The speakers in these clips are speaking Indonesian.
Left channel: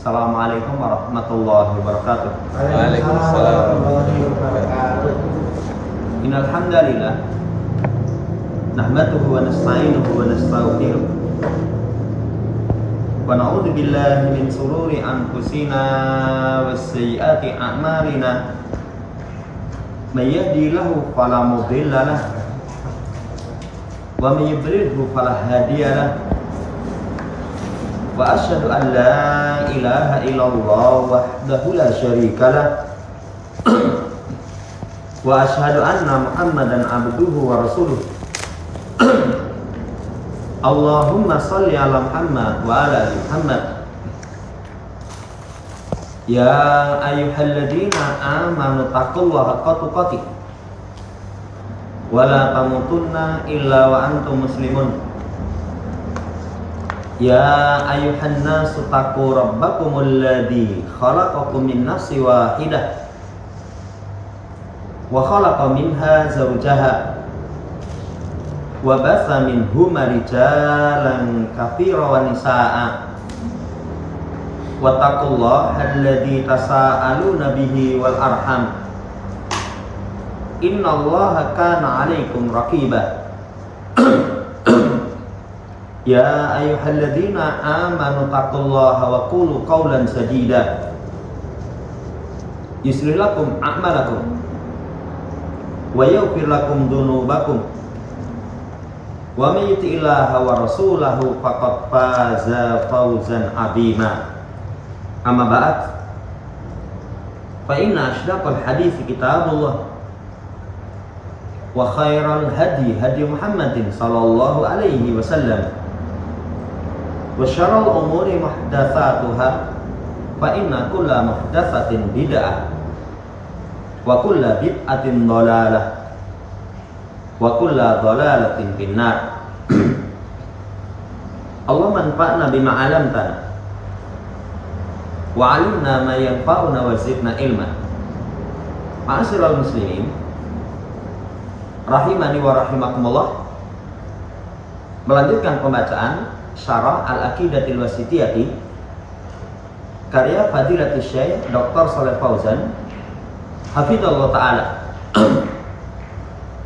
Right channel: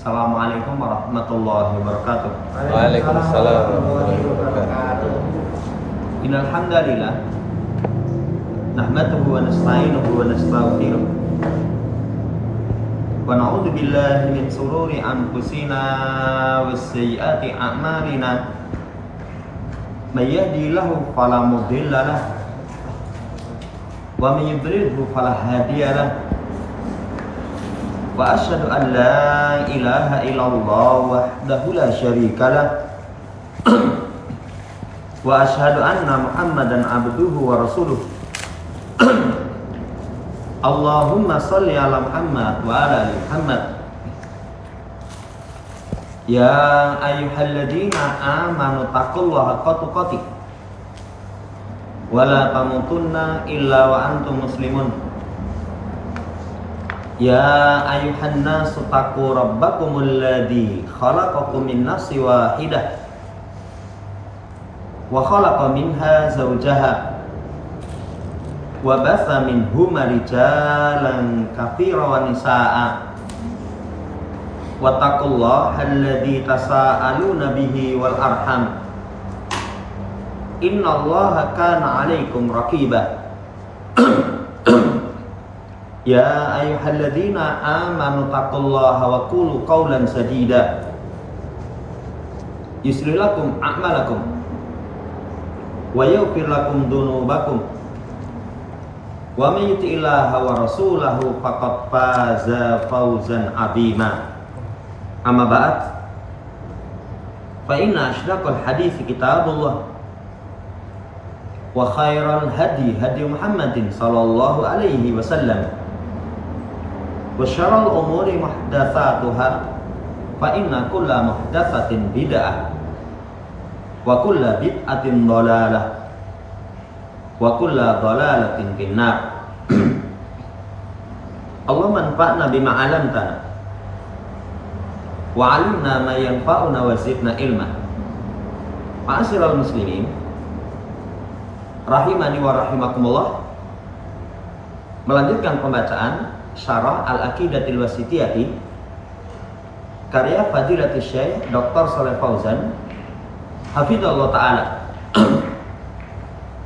Assalamualaikum warahmatullahi wabarakatuh. Waalaikumsalam warahmatullahi wabarakatuh. Innal hamdalillah nahmaduhu wa nasta'inuhu wa nastaghfiruh wa na'udzu billahi min shururi anfusina was sayyiati a'malina may yahdihillahu fala mudilla lahu wa may yudlilhu fala hadiya lahu wa asyhadu an la ilaha illallah wahdahu la syarika lah wa asyhadu anna Muhammadan abduhu wa rasuluh. Allahumma shalli ala Muhammad wa ala ali Muhammad. Ya ayyuhalladzina amanu taqullaha haqqa tuqatih wa la tamutunna illa wa antum muslimun. Ya ayuhan nasu taqu rabbakumul ladzi khalaqakum min nafsin wahidah wa khalaqa minha zawjaha wa batha minhuma rijalan katsiran wa nisaa'a wattaqullaha alladzi tasaaluna bihi wal arham innallaha kana 'alaikum raqibah. Ya ayyuhalladzina amanu taqullaha wa qulu qawlan sadida yuslih lakum a'malakum wa yaghfir lakum dhunubakum wa may yuti'illaha wa rasulahu faqad faza fawzan 'azima. Amma ba'd, fa inna ashdaqal hadithi kitabullah wa khairal hadi Muhammadin sallallahu alaihi wasallam wa syarrul umuri muhdatsatuha fa inna kulla muhdatsatin bid'ah wa kulla bid'atin dhalalah wa kulla dhalalatin finnar. Allah manfa'na bima 'allamtana wa 'allimna ma yanfa'una wa zidna ilma. Ma'asyiral muslimin rahimani wa rahimakumullah, melanjutkan pembacaan Syarah Al-Aqidatil Wasithiyati karya Fadilatul Syekh Dr. Shalih Fauzan hafizallahu taala.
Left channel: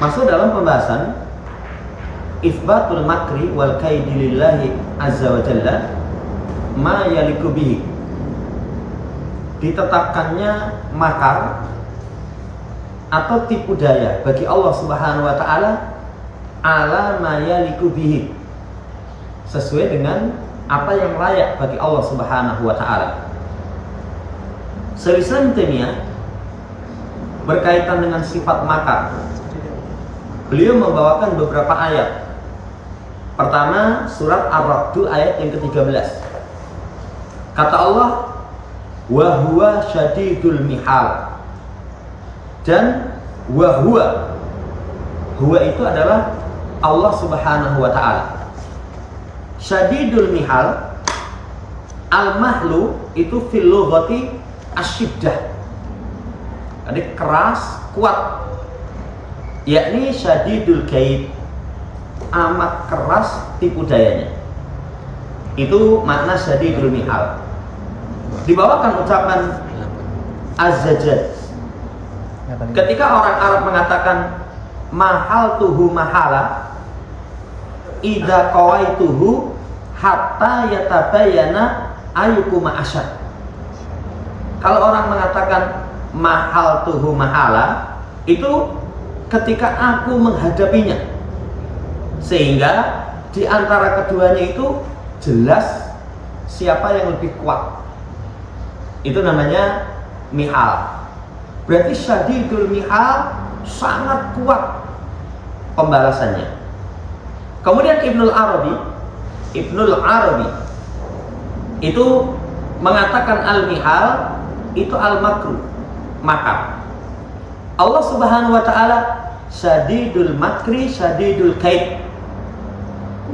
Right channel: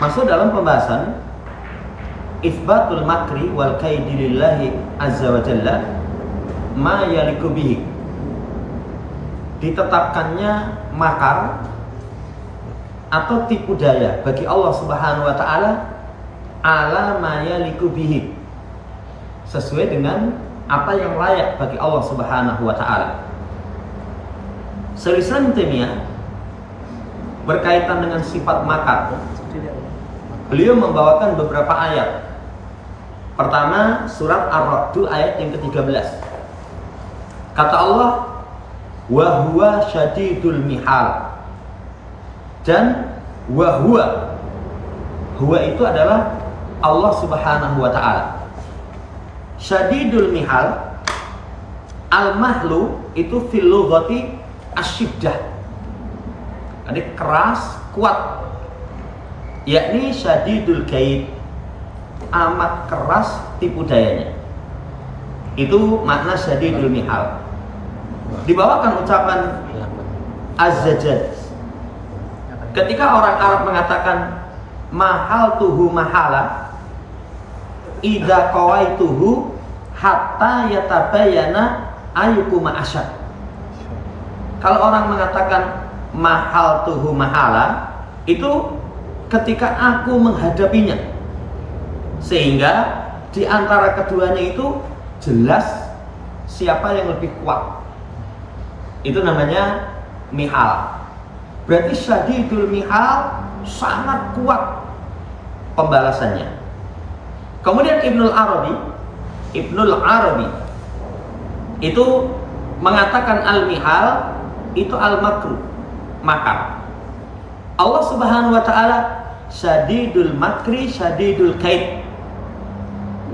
Masuk dalam pembahasan Itsbatul makri wal kaidi lillahi azza wa jalla ma yaliku bihi, ditetapkannya makar atau tipu daya bagi Allah Subhanahu wa taala ala ma yaliku bihi, sesuai dengan apa yang layak bagi Allah Subhanahu wa taala. Syaikhul Islam Taimiyah berkaitan dengan sifat makar, beliau membawakan beberapa ayat. Pertama, surat Ar-Ra'd ayat yang ke-13. Kata Allah, wa huwa syadidul mihal. Dan wa huwa itu adalah Allah Subhanahu wa taala. Syadidul mihal, al-mahlu itu fil lughati asyiddah, jadi keras, kuat, yakni syadidul kaid, amat keras tipu dayanya. Itu makna syadidul mihal. Dibawakan ucapan az-zajjaj ketika orang Arab mengatakan mahal tuhu mahala idza qawaituhu hatta yatabayyana ayyukuma asyad. Kalau orang mengatakan mahal tuhu mahala, itu ketika aku menghadapinya, sehingga di antara keduanya itu jelas siapa yang lebih kuat. Itu namanya mihal. Berarti syadidul mihal, sangat kuat pembalasannya. Kemudian Ibnul Arabi itu mengatakan al-mihal itu al-makru, makar. Allah Subhanahu wa taala syadidul makri syadidul kaid,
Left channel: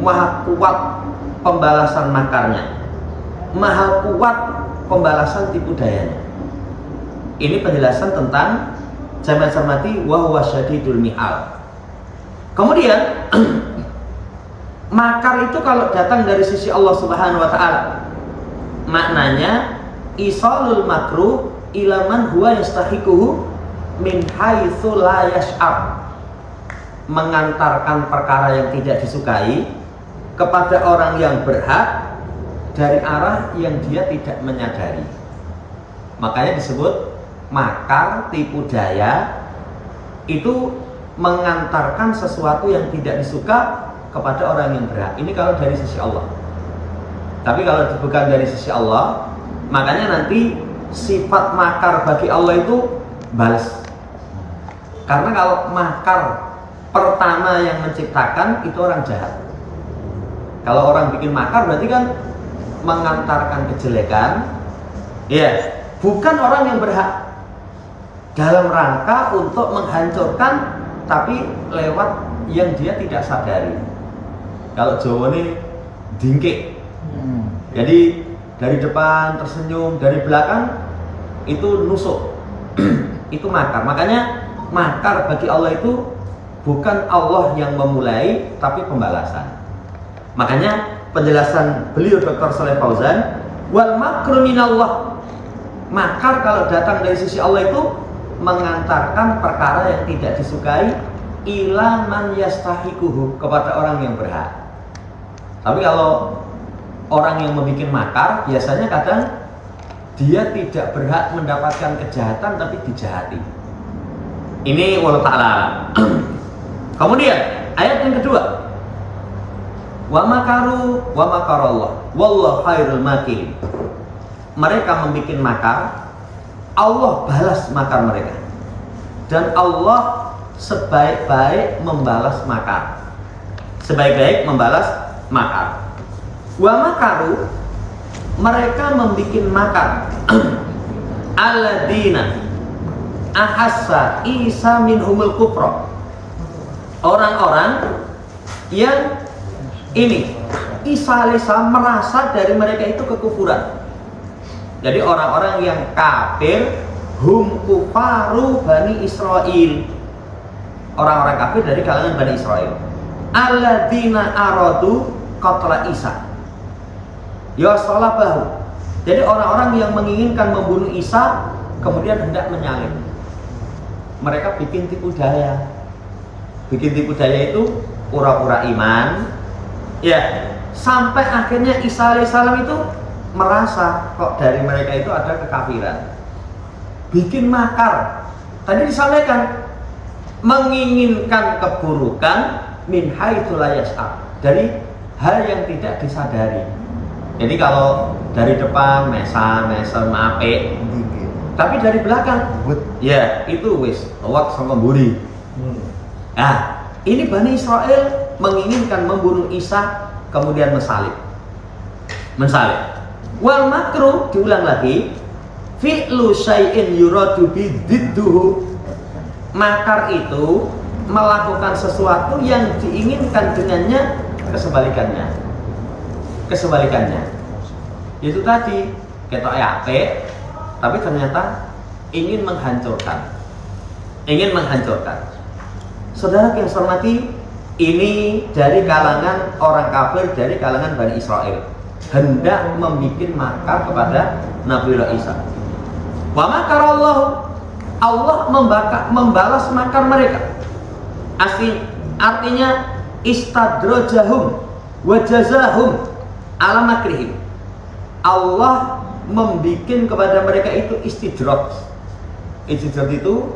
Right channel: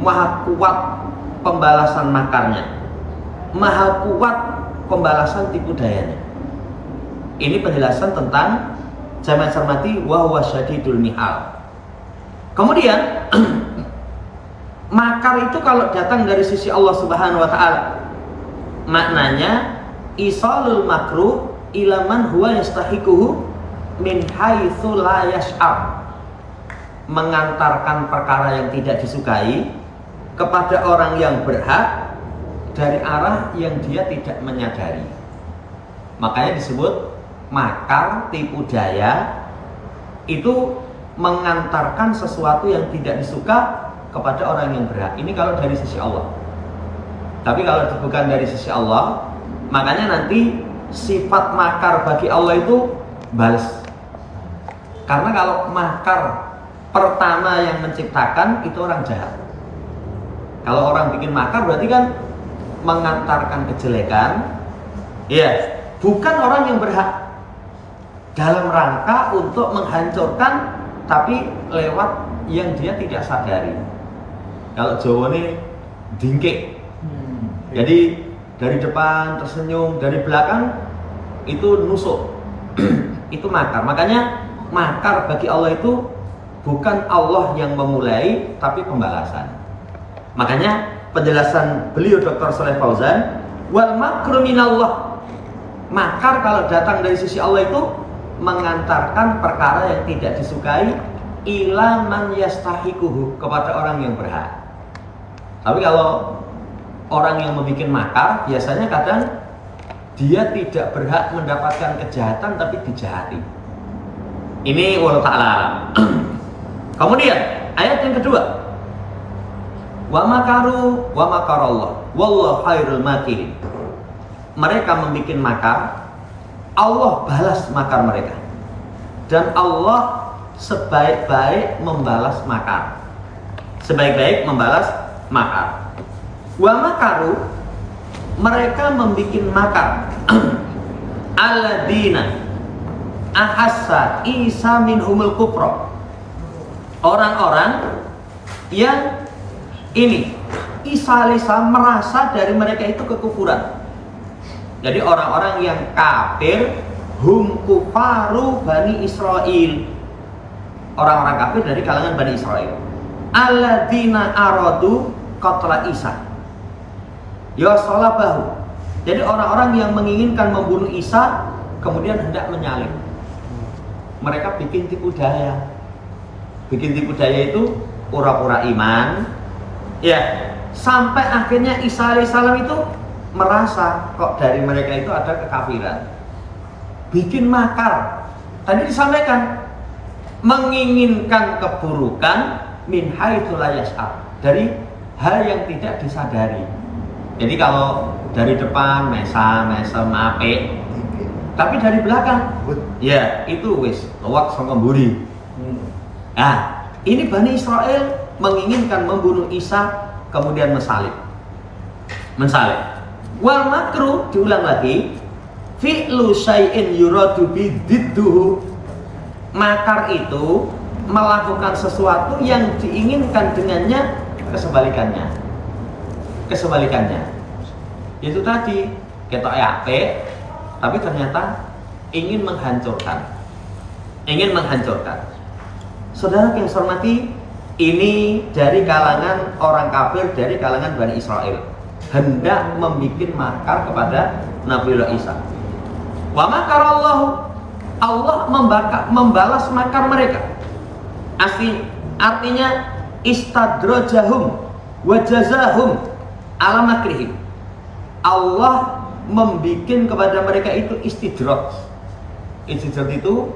maha kuat pembalasan makarnya, maha kuat pembalasan tipu dayanya. Ini penjelasan tentang jamaah cermati wa huwa syadidul mihal. Kemudian makar itu kalau datang dari sisi Allah Subhanahu wa taala, maknanya isalul makruh ila man huwa yastahiquhu min haitsu la yash'ar. Mengantarkan perkara yang tidak disukai kepada orang yang berhak dari arah yang dia tidak menyadari. Makanya disebut makar, tipu daya, itu mengantarkan sesuatu yang tidak disuka kepada orang yang berhak. Ini kalau dari sisi Allah. Tapi kalau bukan dari sisi Allah, makanya nanti sifat makar bagi Allah itu balas. Karena kalau makar pertama yang menciptakan itu orang jahat. Kalau orang bikin makar berarti kan mengantarkan kejelekan, ya, bukan orang yang berhak, dalam rangka untuk menghancurkan, tapi lewat yang dia tidak sadari. Kalau Jawa ini dingkik, jadi dari depan tersenyum, dari belakang itu nusuk. Itu makar. Makanya makar bagi Allah itu bukan Allah yang memulai, tapi pembalasan. Makanya penjelasan beliau Dr. Shalih Fauzan, wal makru minallah, makar kalau datang dari sisi Allah itu mengantarkan perkara yang tidak disukai ila man yastahiquhu, kepada orang yang berhak. Tapi kalau orang yang membuat makar biasanya kadang dia tidak berhak mendapatkan kejahatan tapi dijahati. Ini wallahu ta'ala alam. Kemudian ayat yang kedua, wa makaru wa makarallah wallahu khairul makirin. Mereka membuat makar, Allah balas makar mereka, dan Allah sebaik-baik membalas makar. Sebaik-baik membalas makar. Wa makaru, mereka membuat makar. Alladzina ahassa Isa minhumul kufra, orang-orang yang ini Isa alaihissalam merasa dari mereka itu kekufuran. Jadi orang-orang yang kafir, hum kufaru Bani Israel, orang-orang kafir dari kalangan Bani Israel. Alladzina aradu qatla Isa ya salabahu, jadi orang-orang yang menginginkan membunuh Isa kemudian hendak menyalib. Mereka bikin tipu daya. Bikin tipu daya itu pura-pura iman, ya, sampai akhirnya Isa alaihissalam itu merasa kok dari mereka itu ada kekafiran. Bikin makar. Tadi disampaikan menginginkan keburukan min haitsu la yash'ar, dari hal yang tidak disadari. Jadi kalau dari depan mesem apik, tapi dari belakang ya itu wis wak sangka mburi. Nah, ini Bani Israel menginginkan membunuh Isa kemudian mensalib. Wal makru, diulang lagi, fi'lu syai'in yuradu bididduhu, makar itu melakukan sesuatu yang diinginkan dengannya kesebalikannya. Itu tadi ketok apik, tapi ternyata ingin menghancurkan. Saudara yang saya hormati, ini dari kalangan orang kafir, dari kalangan Bani Israel, hendak membuat makar kepada Nabiullah Isa. Wa makarallahu, Allah membalas makar mereka. Artinya istadrajahum wa jazahum ala makrihim. Allah membuat kepada mereka itu istidraj. Istidraj itu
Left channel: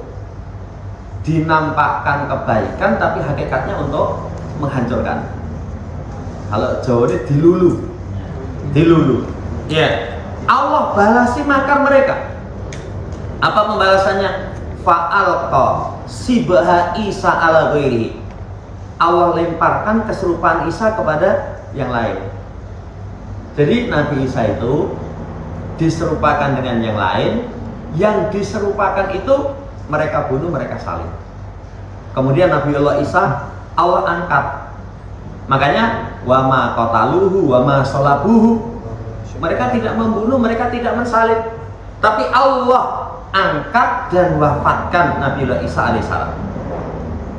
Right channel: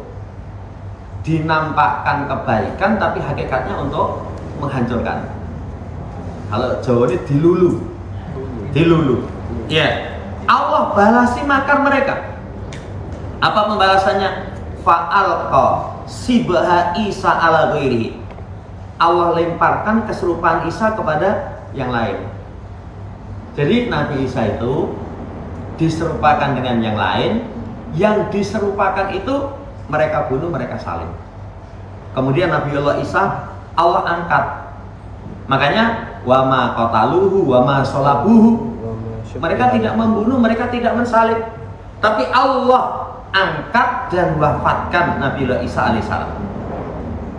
dinampakkan kebaikan tapi hakikatnya untuk menghancurkan. Kalau Jawa ini dilulu. Ya, Allah balasi makar mereka. Apa pembalasannya? Fa'alqa sibaha Isa ala ghairihi. Allah lemparkan keserupaan Isa kepada yang lain. Jadi Nabi Isa itu diserupakan dengan yang lain, yang diserupakan itu mereka bunuh, mereka salib. Kemudian Nabiullah Isa Allah angkat. Makanya wa ma qataluhu wa ma salabuhu. Mereka tidak membunuh, mereka tidak mensalib, tapi Allah angkat dan wafatkan Nabiullah Isa alaihissalam.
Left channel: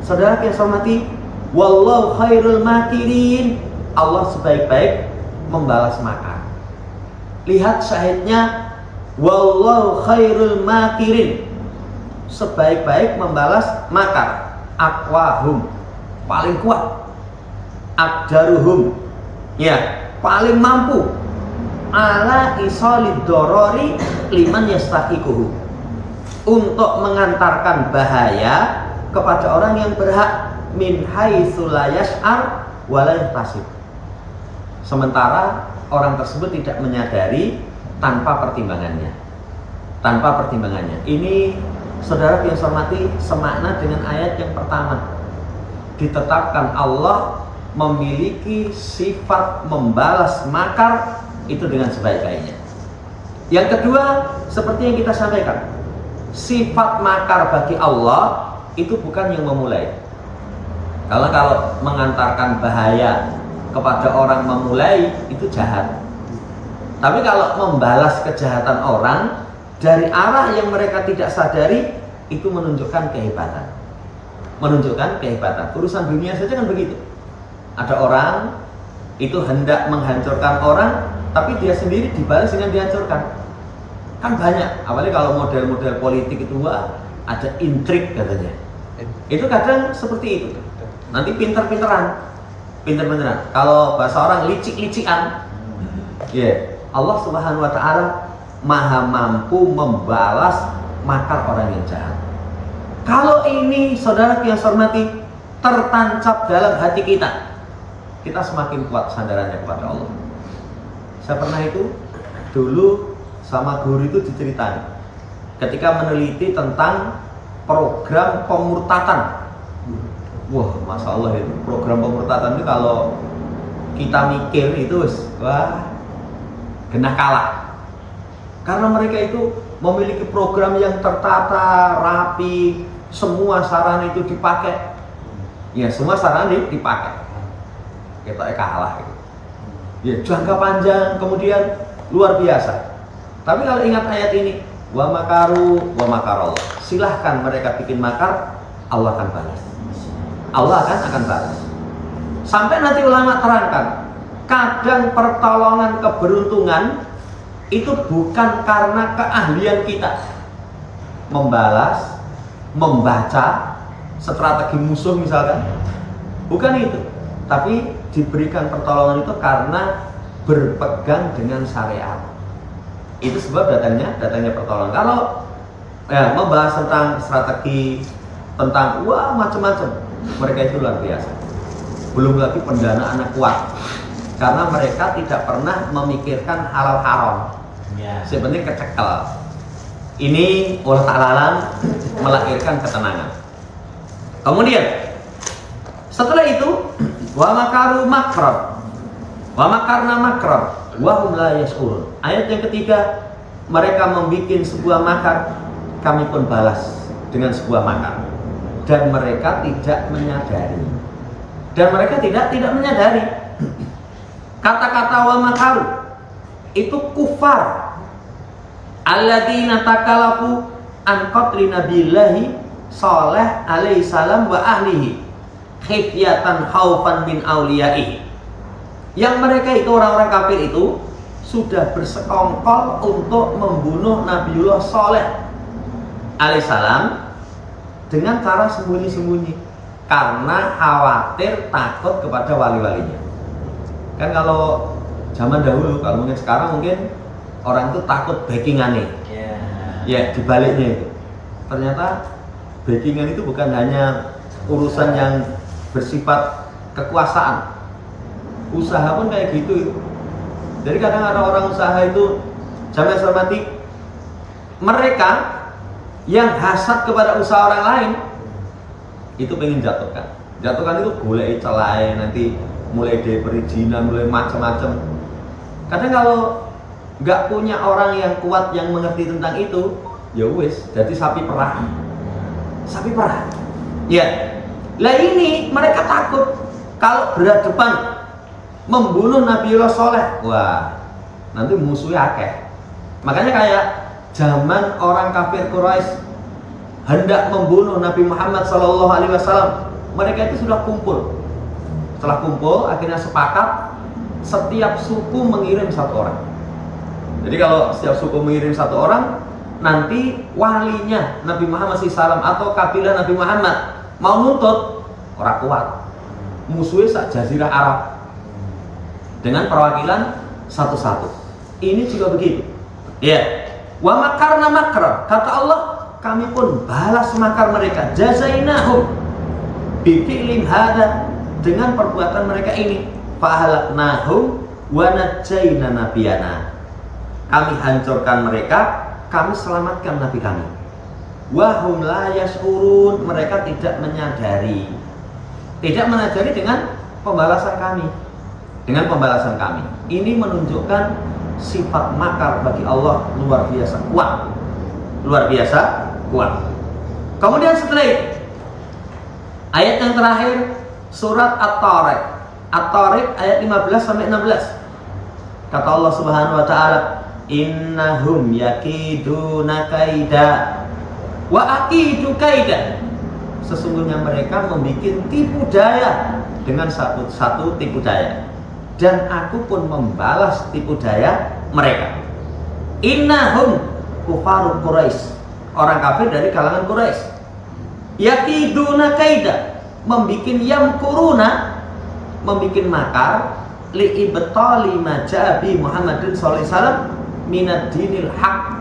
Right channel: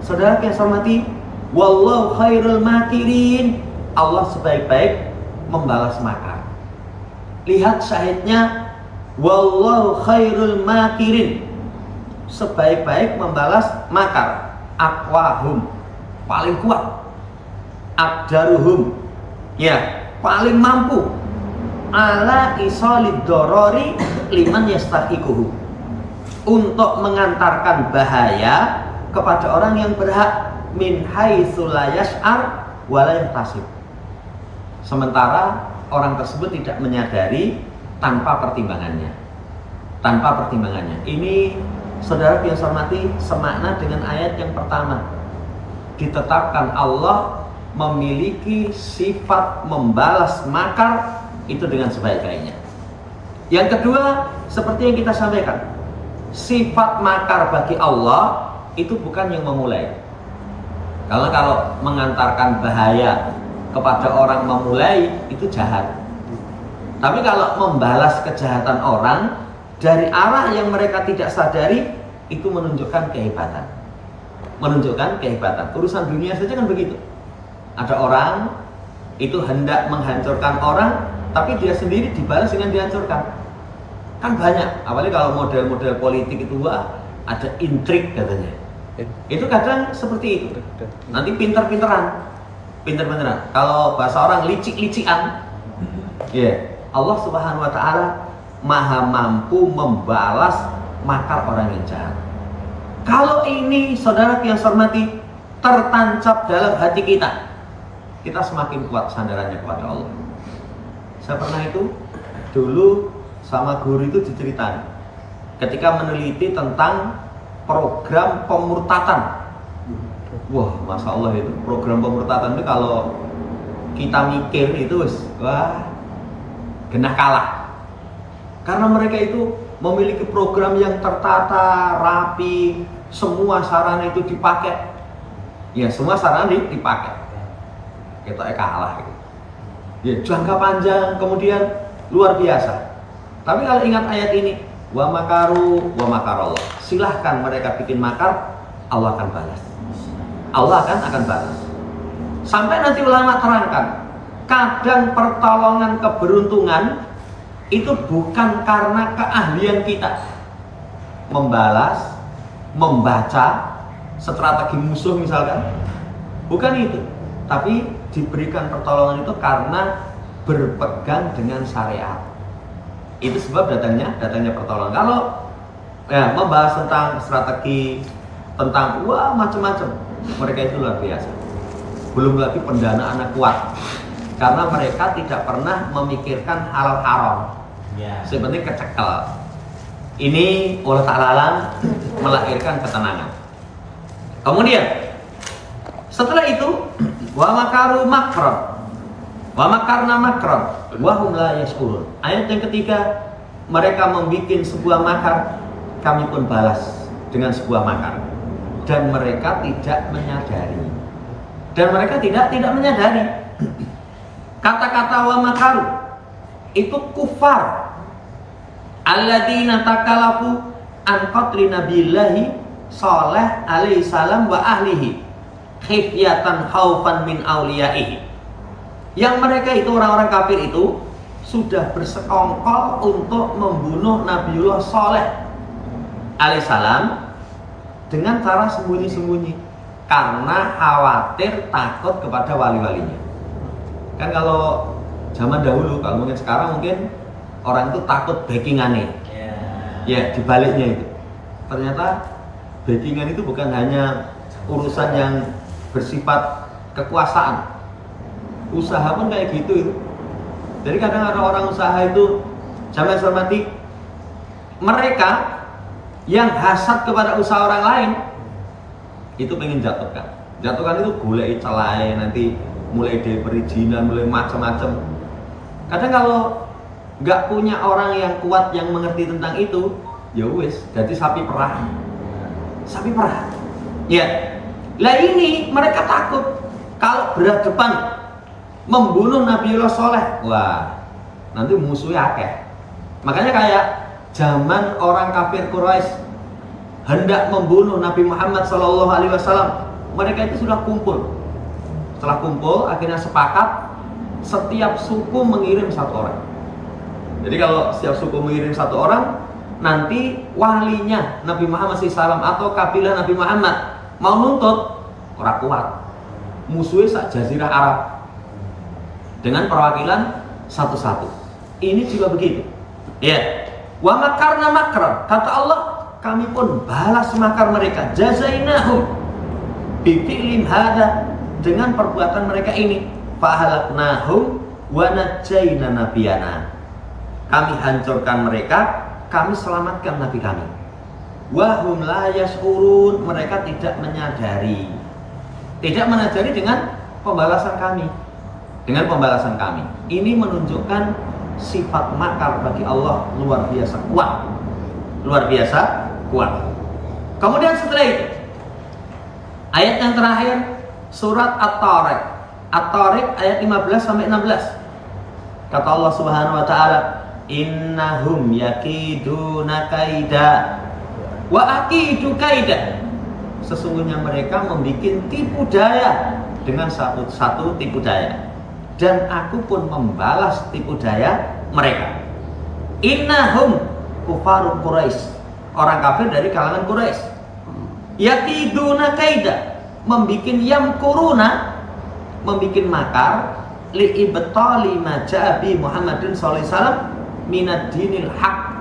Saudara yang saya hormati, wallahu khairul makirin, Allah sebaik-baik membalas makar. Lihat syahidnya Wallahu khairul makirin. Sebaik-baik membalas makar. Aqwahum, paling kuat. Aqdaruhum, ya, paling mampu. Ala isolid dorori liman yastahiquhu, untuk mengantarkan bahaya kepada orang yang berhak. Min haitsu la yash'ar wa la yahtasib. Sementara orang tersebut tidak menyadari, tanpa pertimbangannya. Tanpa pertimbangannya. Ini saudara yang saya hormati, semakna dengan ayat yang pertama. Ditetapkan Allah memiliki sifat membalas makar itu dengan sebaik-baiknya. Yang kedua, seperti yang kita sampaikan, sifat makar bagi Allah itu bukan yang memulai. Karena kalau mengantarkan bahaya kepada orang memulai itu jahat. Tapi kalau membalas kejahatan orang dari arah yang mereka tidak sadari, itu menunjukkan kehebatan. Menunjukkan kehebatan. Urusan dunia saja kan begitu. Ada orang itu hendak menghancurkan orang, tapi dia sendiri dibalas dengan dihancurkan. Kan banyak, apalagi kalau model-model politik itu, wah, ada intrik katanya. Itu kadang seperti itu. Nanti pinter-pinteran. Kalau bahasa orang licik-licikan. Ya, Allah Subhanahu wa taala Maha mampu membalas makar orang yang jahat. Kalau ini saudara yang saya hormati tertancap dalam hati kita, kita semakin kuat sandarannya kepada Allah. Saya pernah itu dulu sama guru itu diceritain ketika meneliti tentang program pemurtatan. Wah, masya Allah, itu program pemurtatan itu kalau kita mikir itu wah, genah kalah. Karena mereka itu memiliki program yang tertata, rapi, semua sarana itu dipakai. Ya, semua sarana dipakai. Kita kalah gitu. Ya, jangka panjang, kemudian luar biasa. Tapi kalau ingat ayat ini, wa makaru wa makarallah. Silahkan mereka bikin makar, Allah akan balas. Allah akan balas. Sampai nanti ulama terangkan, kadang pertolongan keberuntungan itu bukan karena keahlian kita membalas, membaca strategi musuh misalkan, bukan itu. Tapi diberikan pertolongan itu karena berpegang dengan syariat. Itu sebab datangnya pertolongan. Kalau ya membahas tentang strategi, tentang wah macam-macam, mereka itu luar biasa. Belum lagi pendanaannya kuat, karena mereka tidak pernah memikirkan halal haram. Sebenarnya kecekel. Ini Allah Ta'ala melahirkan ketenangan. Kemudian setelah itu wa makaru makran wa makarna makran wa hum la yash'urun. Ayat yang ketiga, mereka membuat sebuah makar, kami pun balas dengan sebuah makar, dan mereka tidak menyadari. Tidak menyadari. Kata-kata wa makaru itu kufar alladzina takalafu an qatli nabiyillahi Saleh alaihi salam wa ahlihi khifyatan khaufan min auliyaihi. Yang mereka itu orang-orang kafir itu sudah bersekongkol untuk membunuh Nabiullah Saleh alaihissalam dengan cara sembunyi-sembunyi karena khawatir takut kepada wali-walinya. Kan kalau zaman dahulu, kalau mungkin sekarang mungkin orang itu takut backingannya. Ya, dibaliknya itu. Ternyata backingan itu bukan hanya urusan yang bersifat kekuasaan. Usaha pun kayak gitu. Jadi kadang ada orang usaha itu, jangan hormati, mereka yang hasad kepada usaha orang lain itu pengen jatuhkan itu golek celai, nanti mulai dari perizinan, mulai macam-macam. Kadang kalau nggak punya orang yang kuat yang mengerti tentang itu, ya wis, jadi sapi perah. Ya, lah ini mereka takut kalau berhadapan membunuh Nabiullah Saleh, wah, nanti musuhnya akeh. Makanya kayak zaman orang kafir Quraisy hendak membunuh Nabi Muhammad SAW, mereka itu sudah kumpul. Setelah kumpul, akhirnya sepakat setiap suku mengirim satu orang. Jadi kalau setiap suku mengirim satu orang, nanti walinya Nabi Muhammad SAW atau kabilah Nabi Muhammad mau nuntut, orang kuat. Musuhnya sak jazirah Arab dengan perwakilan satu-satu. Ini juga begitu. Ya. Wa makarna makra. Kata Allah, kami pun balas makar mereka. Jazainahum bi fi'lim hada, dengan perbuatan mereka ini. Fa ahlaknahum wa najjayna nabiyana. Kami hancurkan mereka, kami selamatkan nabi kami. Wa hum la yash'urun, mereka tidak menyadari. Tidak menyadari dengan pembalasan kami. Dengan pembalasan kami. Ini menunjukkan sifat makar bagi Allah luar biasa kuat. Luar biasa kuat. Kemudian setelah itu, ayat yang terakhir surat At-Tariq. At-Tariq ayat 15 sampai 16. Kata Allah Subhanahu wa taala, innahum yakiduna kaida wa akidu kaida. Sesungguhnya mereka membuat tipu daya dengan satu tipu daya, dan aku pun membalas tipu daya mereka. Innahum kufarun Quraisy, orang kafir dari kalangan Quraisy. Yakiduna kaida, membuat yamkuruna, membuat makar li ibtali ma ja'a bi Muhammadin sallallahu alaihi wasallam minad dinil haq,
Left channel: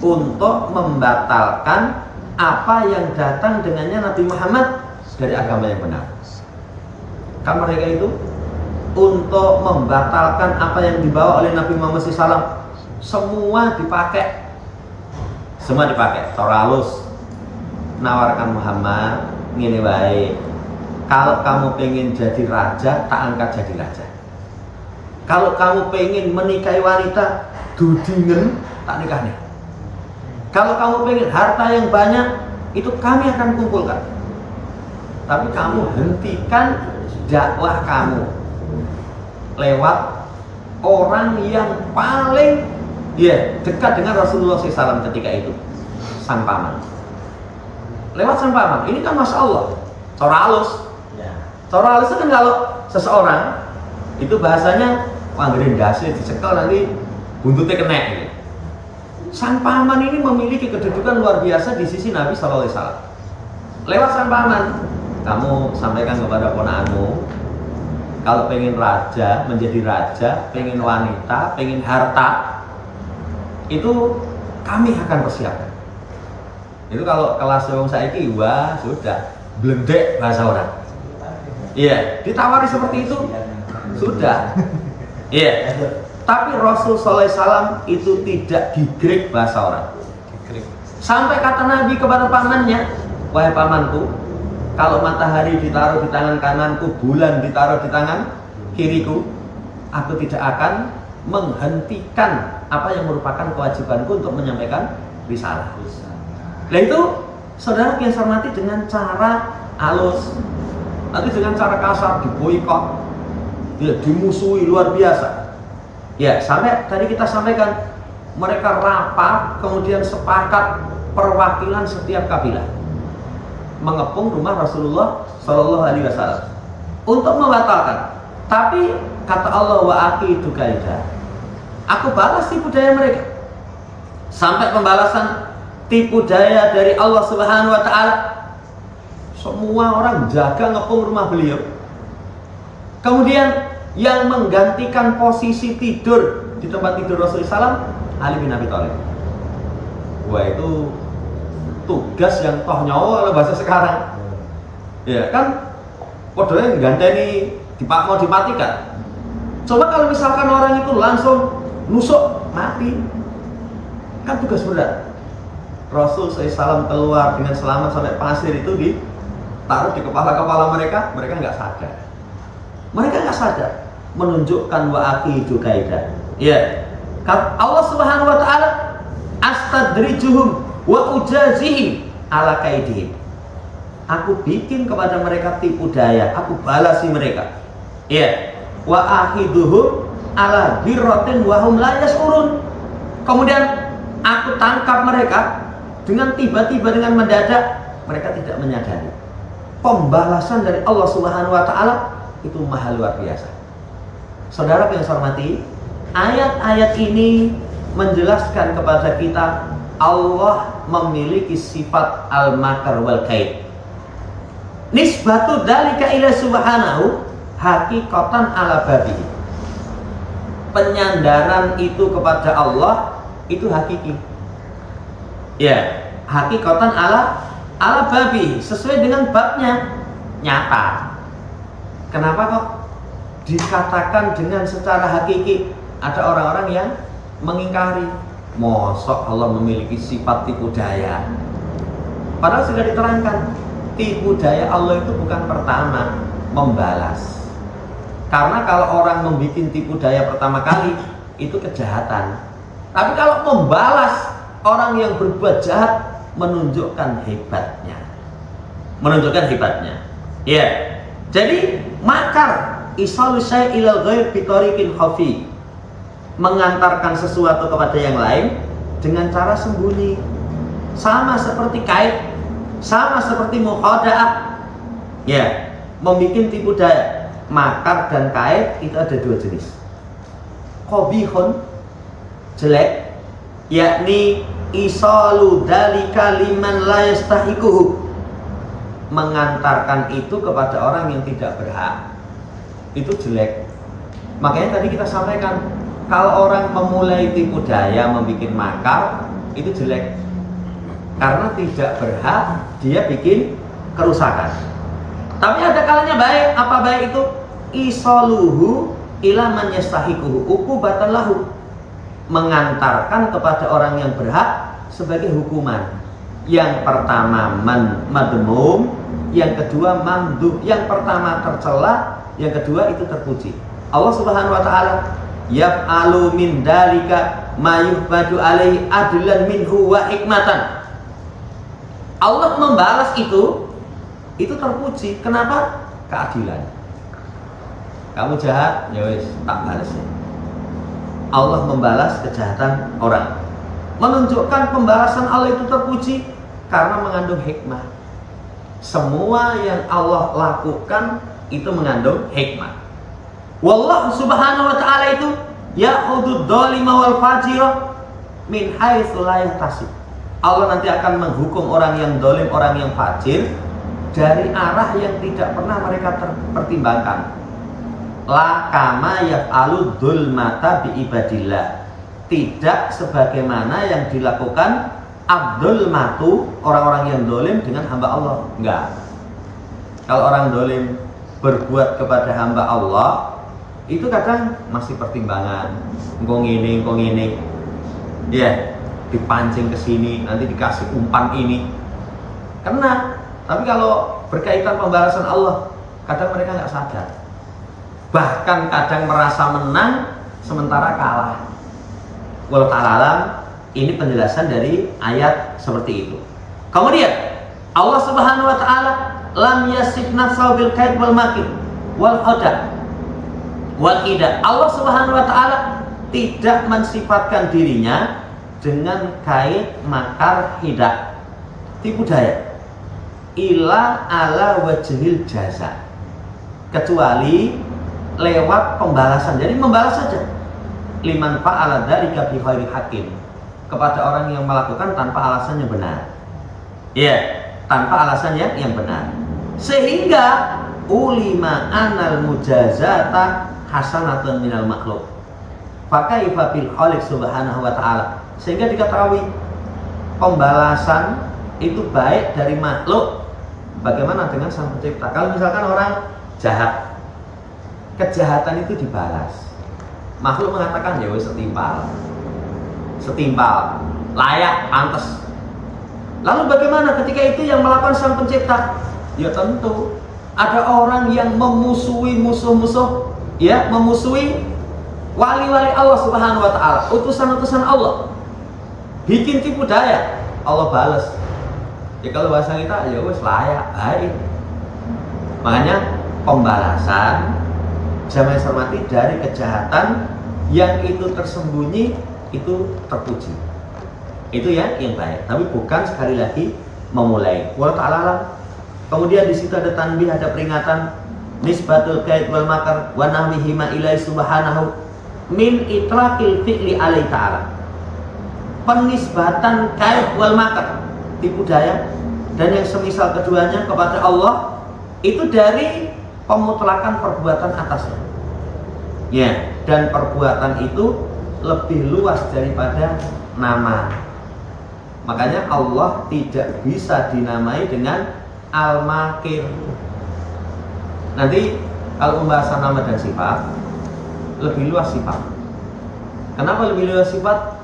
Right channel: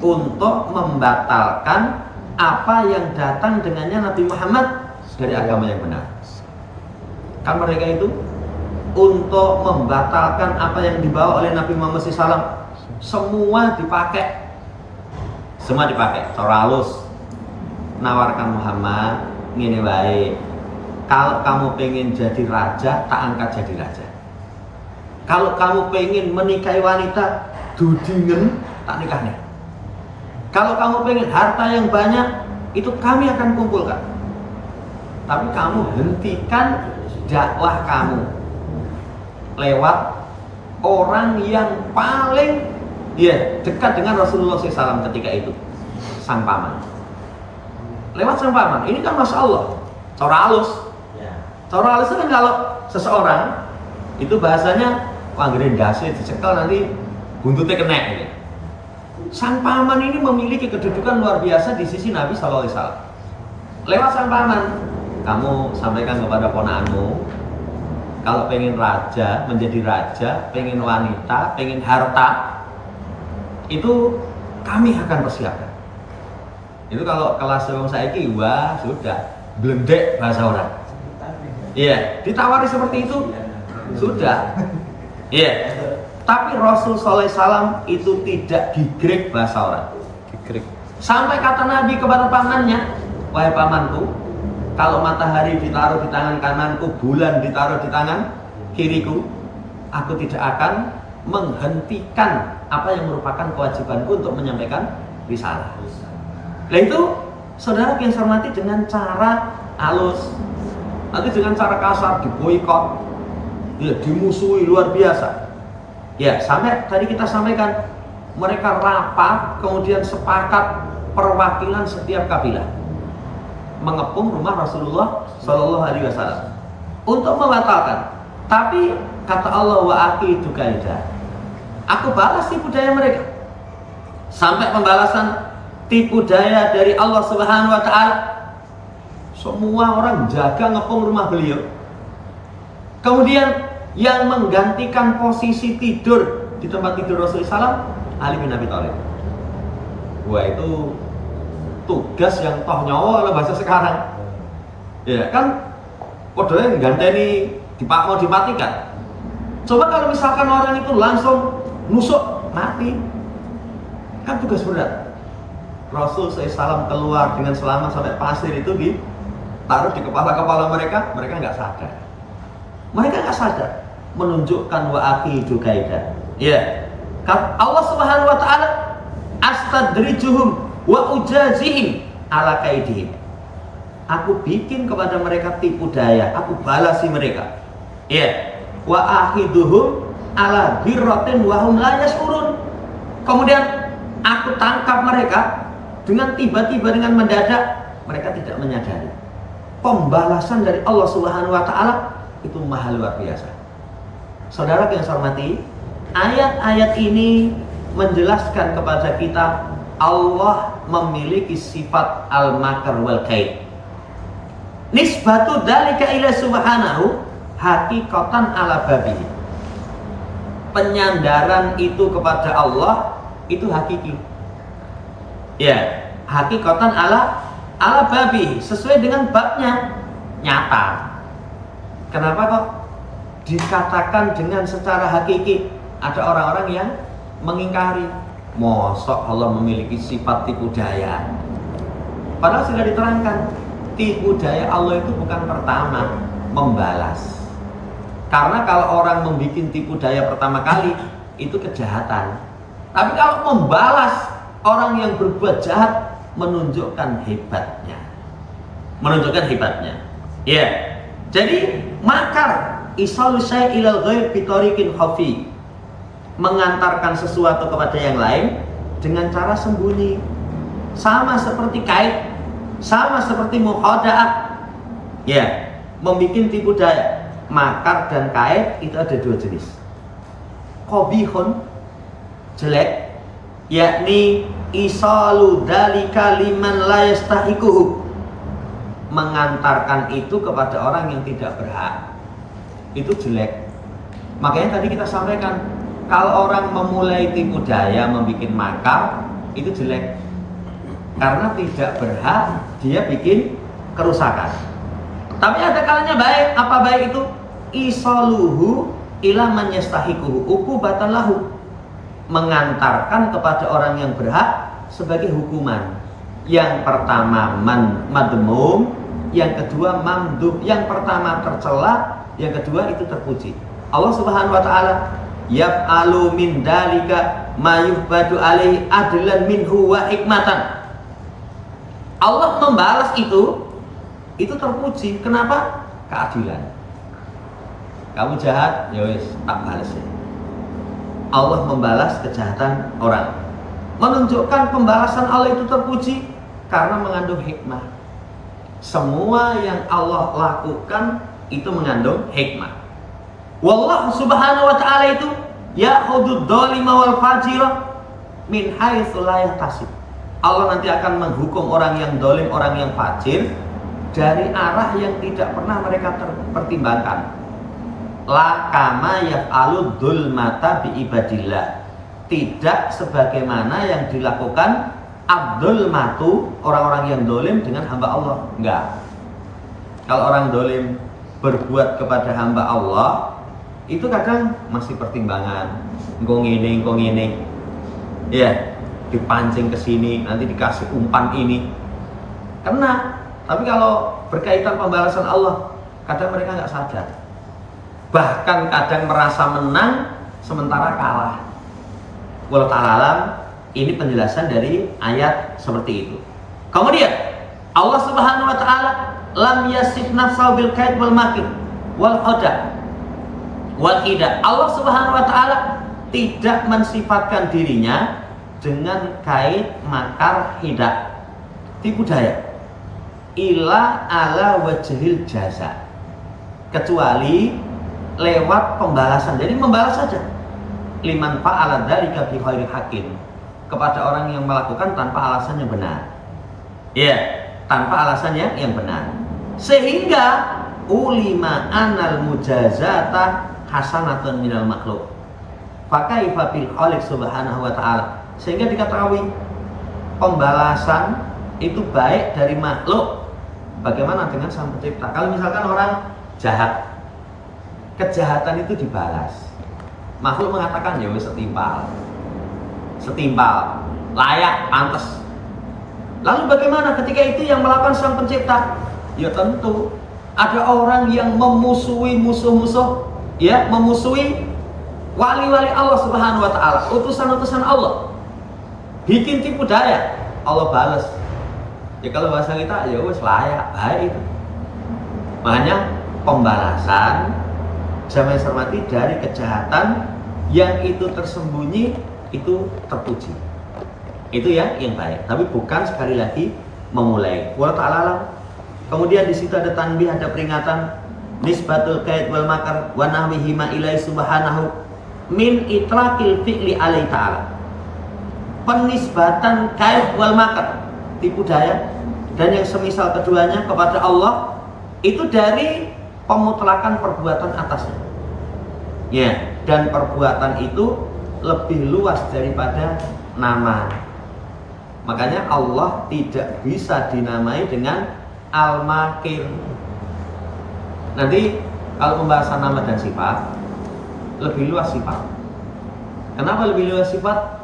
untuk membatalkan apa yang datang dengannya Nabi Muhammad dari agama yang benar. Kan mereka itu untuk membatalkan apa yang dibawa oleh Nabi Muhammad SAW, semua dipakai. Semua dipakai. Cara halus nawarkan Muhammad, ngene wae. Kalau kamu pengen jadi raja, tak angkat jadi raja. Kalau kamu pengen menikahi wanita, dudingen, tak nikah nih. Kalau kamu pengen harta yang banyak, itu kami akan kumpulkan. Tapi kamu hentikan dakwah kamu lewat orang yang paling dekat dengan Rasulullah SAW ketika itu, sang paman. Lewat sang paman. Ini kan Masya Allah, cara halus. Cara halus itu kan kalau seseorang itu bahasanya wanggredase dicekel nanti buntutnya kena gitu. Sang paman ini memiliki kedudukan luar biasa di sisi Nabi SAW. Lewat sang paman, kamu sampaikan kepada ponakanmu, kalau pengen raja, menjadi raja, pengen wanita, pengen harta, itu kami akan persiapkan. Itu kalau kelas wong saiki, wah sudah blendek bahasa orang. Iya, ditawari seperti itu, sudah. Iya. Tapi Rasul sallallahu alaihi wasallam itu tidak digrek bahasa orang. Sampai kata Nabi kepada pamannya, wahai pamanku, kalau matahari ditaruh di tangan kananku, bulan ditaruh di tangan kiriku, aku tidak akan menghentikan apa yang merupakan kewajibanku untuk menyampaikan risalah. Nah itu saudara yang saya hormati, dengan cara halus, nanti dengan cara kasar diboikot, ya dimusuhi luar biasa. Ya, sampai tadi kita sampaikan, mereka rapat, kemudian sepakat perwakilan setiap kabilah mengepung rumah Rasulullah Shallallahu Alaihi Wasallam untuk membatalkan. Tapi kata Allah, wa aqidu kaida, aku balas tipu daya mereka. Sampai pembalasan tipu daya dari Allah Subhanahu Wa Taala. Semua orang jaga ngepung rumah beliau. Kemudian yang menggantikan posisi tidur di tempat tidur Rasulullah SAW, Ali bin Abi Thalib. Wah, itu tugas yang toh nyawa kalau bahasa sekarang. Ya kan, podonya ganteni mau dimatikan. Coba kalau misalkan orang itu langsung nusuk mati, kan tugas berat. Rasul SAW keluar dengan selamat sampai pasir itu ditaruh di kepala-kepala mereka nggak sadar. Mereka nggak sadar, menunjukkan wa aqidu kaida. Ya, Allah Subhanahu Wa Taala, astadrijuhum wa ujazihim ala kaidihim. Aku bikin kepada mereka tipu daya, aku balasi mereka. Ya, wa ahiduhum ala birratin wa hum la yash'urun. Kemudian aku tangkap mereka dengan tiba-tiba, dengan mendadak, mereka tidak menyadari. Pembalasan dari Allah Subhanahu Wa Taala itu maha luar biasa. Saudara yang saya hormati, ayat-ayat ini menjelaskan kepada kita Allah memiliki sifat al-makar wal kaid. Nisbatu dzalika ila subhanahu hakikatan ala babihi. Penyandaran itu kepada Allah itu hakiki. Ya, hakikatan ala babihi, sesuai dengan babnya, nyata. Kenapa kok dikatakan dengan secara hakiki? Ada orang-orang yang mengingkari, mosok Allah memiliki sifat tipu daya. Padahal sudah diterangkan, tipu daya Allah itu bukan pertama, membalas. Karena kalau orang membuat tipu daya pertama kali, itu kejahatan. Tapi kalau membalas orang yang berbuat jahat, menunjukkan hebatnya. Ya. Jadi makar isalu syai' ilal ghaib bitariqin khafi, mengantarkan sesuatu kepada yang lain dengan cara sembunyi. Sama seperti kait, sama seperti mukhada'ah. Ya, membuat tipu daya. Makar dan kait itu ada dua jenis. Qabihun, jelek, yakni isalu dalika liman la yastahiquhu, mengantarkan itu kepada orang yang tidak berhak. Itu jelek. Makanya tadi kita sampaikan, kalau orang memulai tipu daya, membuat makar, itu jelek. Karena tidak berhak, dia bikin kerusakan. Tapi ada kalanya baik. Apa baik itu? Isaluhu ila man yastahiquhu uqubatan lahu, mengantarkan kepada orang yang berhak sebagai hukuman. Yang pertama madmum, yang kedua mamduh. Yang pertama tercela, yang kedua itu terpuji. Allah Subhanahu wa taala yaf'alu min dalika ma yuhbadu alaihi adlan minhu wa hikmatan. Allah membalas itu terpuji. Kenapa? Keadilan. Kamu jahat, ya wis, tak balas ya. Allah membalas kejahatan orang. Menunjukkan pembalasan Allah itu terpuji karena mengandung hikmah. Semua yang Allah lakukan itu mengandung hikmah. Wallahu subhanahu wa ta'ala itu ya'khudud dzalima wal fajira min haitsu la yahtasib. Allah nanti akan menghukum orang yang dolim, orang yang fajir dari arah yang tidak pernah mereka pertimbangkan. La kama yaf'alu dzulmata bi ibadillah, tidak sebagaimana yang dilakukan abdul matu, orang-orang yang dolim dengan hamba Allah. Enggak. Kalau orang dolim berbuat kepada hamba Allah, itu kadang masih pertimbangan, engkau ngene, ya, dipancing ke sini, nanti dikasih umpan ini, kena. Tapi kalau berkaitan pembalasan Allah, kadang mereka nggak sadar, bahkan kadang merasa menang sementara kalah. Wallahu ta'ala alam. Ini penjelasan dari ayat seperti itu. Kemudian Allah Subhanahu wa taala lam yasif nafsahu bil kaid wal makir wal khada wal hida. Allah Subhanahu wa taala tidak mensifatkan dirinya dengan kait, makar, hida, tipu daya, ila ala wajhil jaza, kecuali lewat pembalasan. Jadi membalas saja. Liman fa'ala dzalika bi ghairi haqqin, kepada orang yang melakukan tanpa alasan yang benar. Ya, tanpa alasan yang benar. Sehingga ulima anal mujazata hasanatun minal makhluk. Fakaifa bil khaliq subhanahu wa ta'ala. Sehingga diketahui pembalasan itu baik dari makhluk. Bagaimana dengan sang pencipta? Kalau misalkan orang jahat, kejahatan itu dibalas. Makhluk mengatakan ya wis setimpal, layak, pantas. Lalu bagaimana ketika itu yang melakukan sang pencipta? Ya tentu ada orang yang memusuhi musuh-musuh, ya, memusuhi wali-wali Allah Subhanahu wa taala, utusan-utusan Allah. Bikin tipu daya, Allah balas. Ya kalau bahasa kita ya wis layak, baik. Makanya pembalasan jamaah hormati dari kejahatan yang itu tersembunyi itu terpuji. Itu ya yang baik, tapi bukan sekali lagi memulai. Wallahu ta'ala. Kemudian di situ ada tanbih, ada peringatan, nisbatul kaid wal makar wa nahwihi ma ilai subhanahu min itlaqil fi'li alaihi ta'ala. penisbatan kaid wal makar, tipu daya, dan yang semisal keduanya kepada Allah itu dari pemutlakan perbuatan atasnya. Ya, dan perbuatan itu lebih luas daripada nama. Makanya Allah tidak bisa dinamai dengan Al-Makir. Nanti kalau pembahasan nama dan sifat lebih luas sifat. Kenapa lebih luas sifat?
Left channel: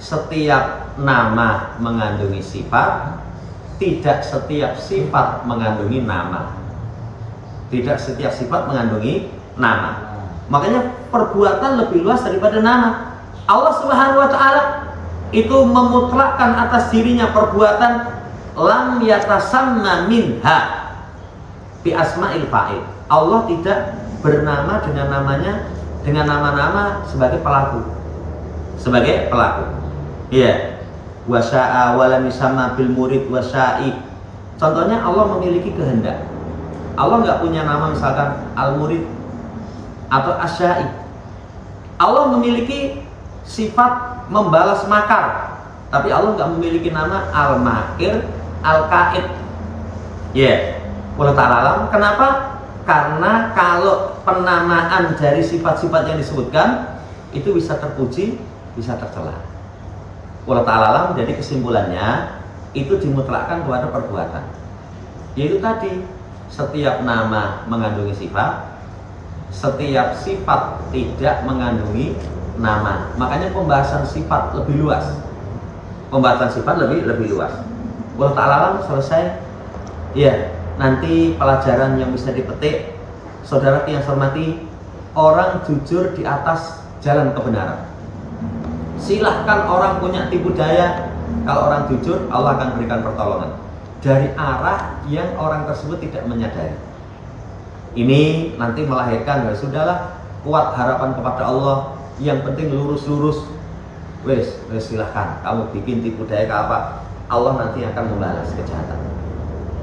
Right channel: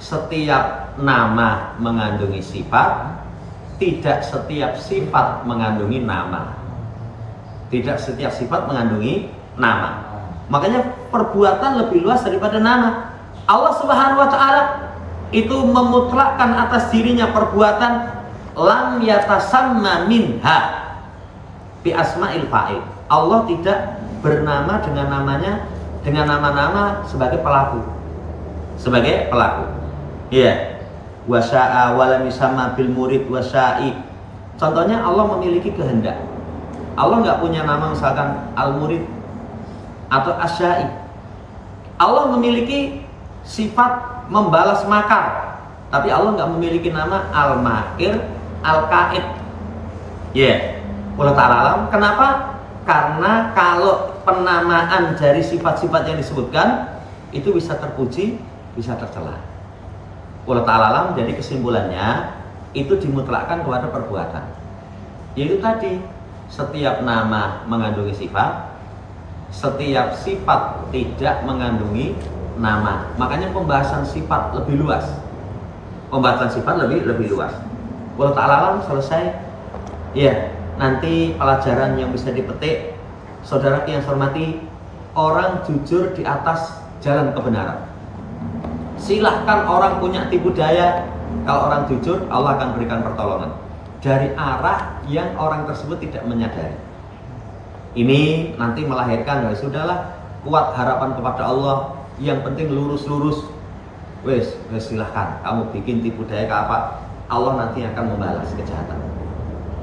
Setiap nama mengandungi sifat, tidak setiap sifat mengandungi nama. Tidak setiap sifat mengandungi nama. Makanya perbuatan lebih luas daripada nama. Allah Subhanahu wa taala itu memutlakkan atas dirinya perbuatan lam yatasamma minha bi asma'il fa'il. Allah tidak bernama dengan namanya, dengan nama-nama sebagai pelaku. Sebagai pelaku. Iya. Wa syaa wa lam yusamma bil murid wa sya'i. Contohnya Allah memiliki kehendak. Allah enggak punya nama misalkan al-murid atau asya'i. Allah memiliki sifat membalas makar, tapi Allah enggak memiliki nama al-makir, al-kaid. Ya, Allah Ta'ala alam. Kenapa? Karena kalau penamaan dari sifat-sifat yang disebutkan itu bisa terpuji, bisa tercela. Allah Ta'ala alam. Jadi kesimpulannya itu dimutlakkan kepada perbuatan. Yaitu tadi, setiap nama mengandungi sifat, setiap sifat tidak mengandungi nama. Makanya pembahasan sifat lebih luas. Pembahasan sifat lebih luas. Allah Ta'ala alam. Selesai. Ya, nanti pelajaran yang bisa dipetik, saudara yang saya hormati, orang jujur di atas jalan kebenaran. Silahkan orang punya tipu daya, kalau orang jujur Allah akan berikan pertolongan dari arah yang orang tersebut tidak menyadari. Ini nanti melahirkan, ya sudahlah, kuat harapan kepada Allah, yang penting lurus-lurus. Wes silahkan kamu bikin tipu daya ke apa, Allah nanti akan membalas kejahatan.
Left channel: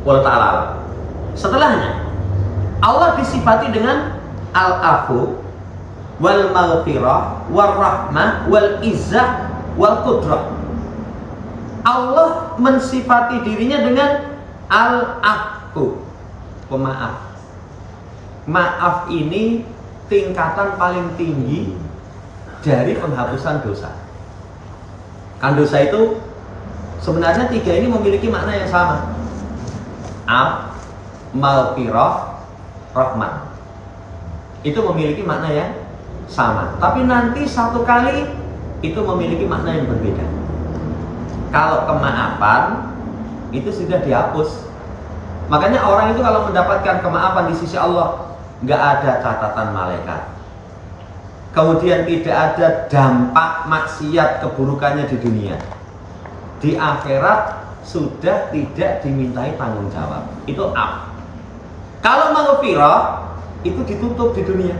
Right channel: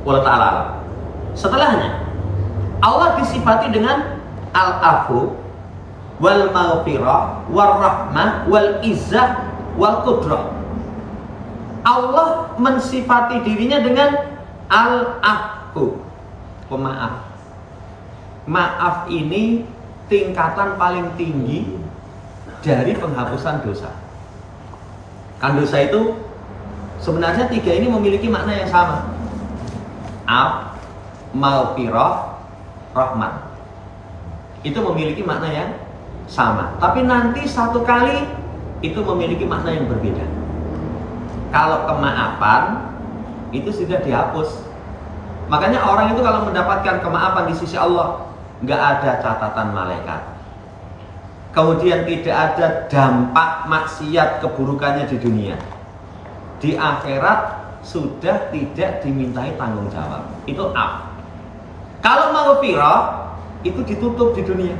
Allah Ta'ala. Setelahnya Allah disifati dengan al-afu wal maghfirah wal rahmah wal izzah wal qudrah. Allah mensifati dirinya dengan al-afu, pemaaf. Maaf ini tingkatan paling tinggi dari penghapusan dosa. Kan dosa itu sebenarnya tiga ini memiliki makna yang sama. Af, maghfirah, rahmat. Itu memiliki makna yang sama. Tapi nanti satu kali itu memiliki makna yang berbeda. Kalau kemaafan itu sudah dihapus. Makanya orang itu kalau mendapatkan kemaafan di sisi Allah, nggak ada catatan malaikat. Kemudian tidak ada dampak maksiat keburukannya di dunia. Di akhirat sudah tidak dimintai tanggung jawab. Itu af. Kalau maghfirah itu ditutup di dunia.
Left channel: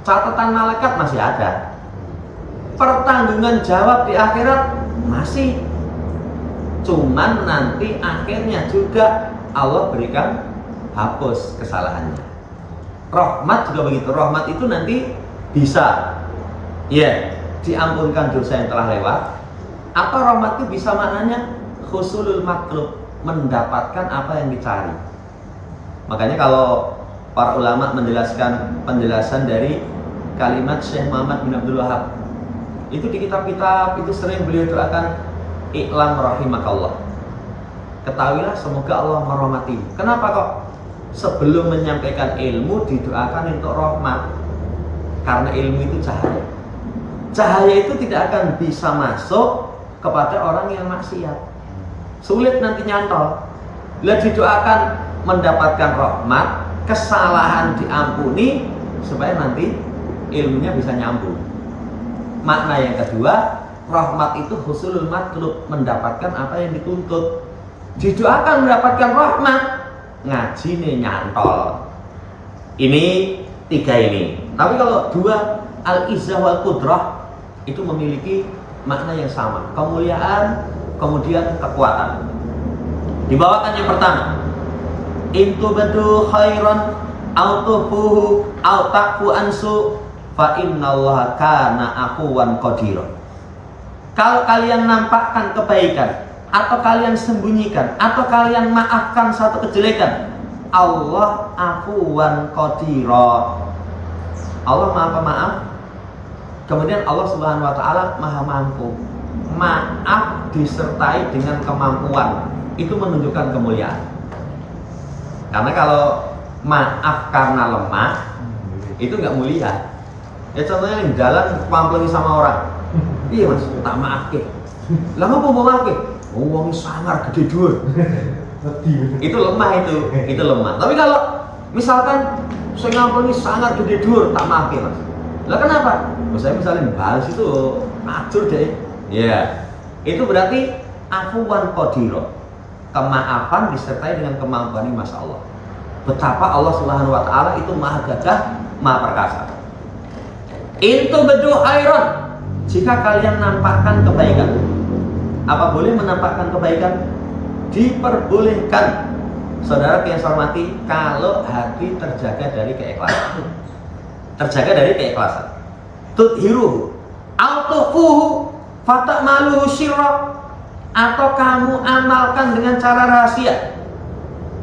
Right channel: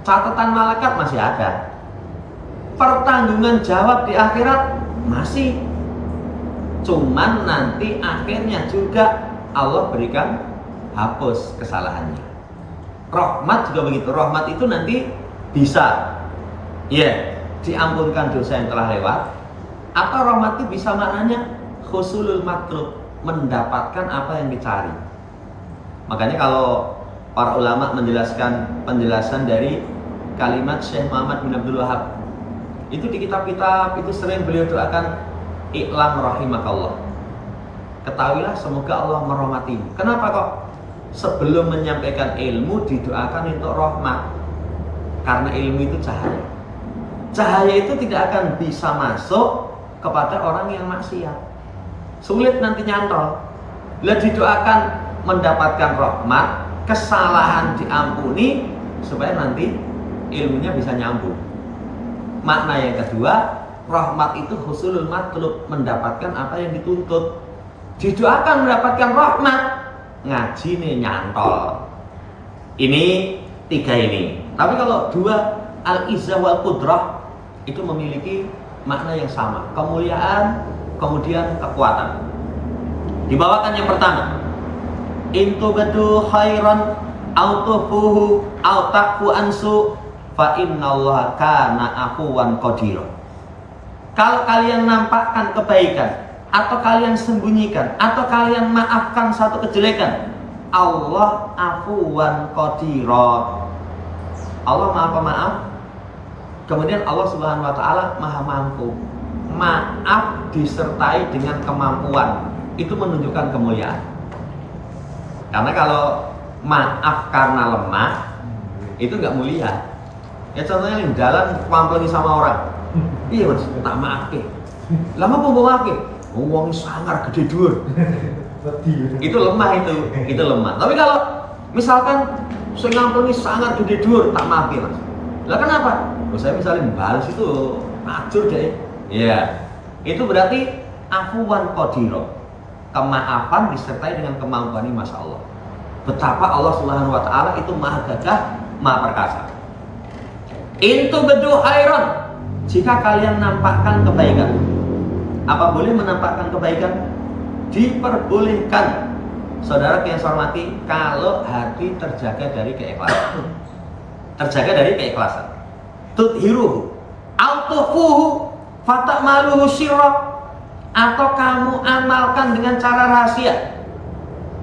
Catatan malaikat masih ada. Pertanggungan jawab di akhirat masih. Cuman nanti akhirnya juga Allah berikan hapus kesalahannya. Rahmat juga begitu. Rahmat itu nanti bisa diampunkan dosa yang telah lewat. Atau rahmat itu bisa maknanya husulul matlub, mendapatkan apa yang dicari. Makanya kalau para ulama menjelaskan penjelasan dari kalimat Syekh Muhammad bin Abdul Wahab, itu di kitab-kitab itu sering beliau doakan, I'lam rahimakallah, ketahuilah semoga Allah merahmatimu. Kenapa kok sebelum menyampaikan ilmu didoakan untuk rahmat? Karena ilmu itu cahaya. Cahaya itu tidak akan bisa masuk kepada orang yang maksiat. Sulit nanti nyantol. Lah didoakan mendapatkan rahmat, kesalahan diampuni supaya nanti ilmunya bisa nyambung. Makna yang kedua, rahmat itu husulul matlub, mendapatkan apa yang dituntut. Didoakan mendapatkan rahmat, ngaji nih nyantol. Ini tiga ini. Tapi kalau dua, al-izzah wal qudrah, itu memiliki makna yang sama, kemuliaan, kemudian kekuatan. Dibawakan yang pertama, intubadu khairan au tufuhu au taqfu ansu fa innallaha kana afuwan qadira. Kalau kalian nampakkan kebaikan, atau kalian sembunyikan, atau kalian maafkan satu kejelekan, Allah afuwan qadira. Allah maha pemaaf. Kemudian Allah Subhanahu wa taala maha mampu. Maaf disertai dengan kemampuan, itu menunjukkan kemuliaan. Karena kalau maaf karena lemah, itu nggak mulia. Ya contohnya di jalan pamplengi sama orang, iya mas, tak maaf ke. Lama mau maaf ke? Uang sangar gede dur. Itu lemah itu lemah. Tapi kalau misalkan saya ngamplengi sangar gede dur, tak maaf ke mas. Lah kenapa? Saya misalnya balas itu acur deh. Ya, itu berarti afuwan qadira. Kemaafan disertai dengan kemampuan ini, masya Allah. Betapa Allah Subhanahu wa taala itu maha gagah, maha perkasa. Intu bedu khairon, jika kalian nampakkan kebaikan. Apa boleh menampakkan kebaikan? Diperbolehkan. Saudara yang saya hormati, kalau hati terjaga dari keikhlasan. Terjaga dari keikhlasan. Tudhiruhu autufuhu fatakmaluhu sirra, atau kamu amalkan dengan cara rahasia.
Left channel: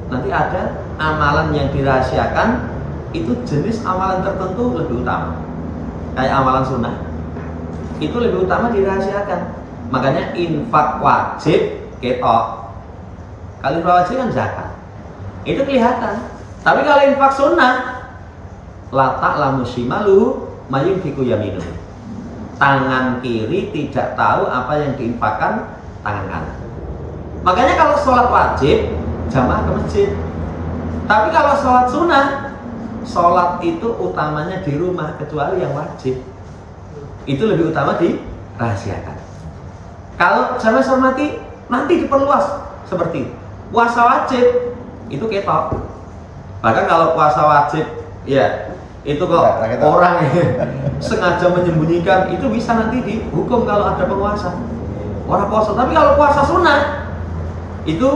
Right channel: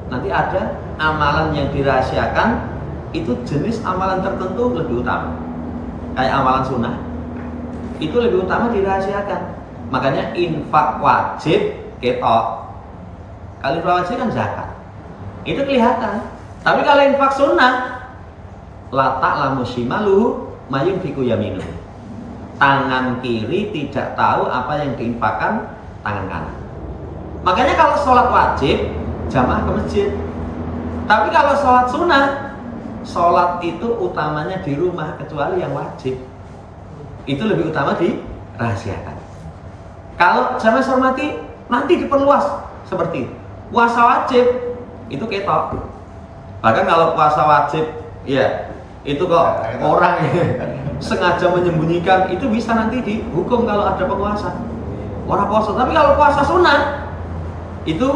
Nanti ada amalan yang dirahasiakan, itu jenis amalan tertentu lebih utama. Kayak amalan sunnah, itu lebih utama dirahasiakan. Makanya infak wajib ketok. Kalau infak wajib kan zakat, itu kelihatan. Tapi kalau infak sunnah, la ta'lamu shimaluhu mayunfiqu yaminuhu. Tangan kiri tidak tahu apa yang diinfakkan tangan kanan. Makanya kalau sholat wajib, jamaah ke masjid. Tapi kalau sholat sunnah, sholat itu utamanya di rumah, kecuali yang wajib. Itu lebih utama dirahasiakan. Kalau jamaah hormati, nanti diperluas seperti puasa wajib, itu ketok. Bahkan kalau puasa wajib, ya itu kok orang sengaja menyembunyikan, itu bisa nanti dihukum kalau ada penguasa. Orang puasa. Tapi kalau puasa sunnah, itu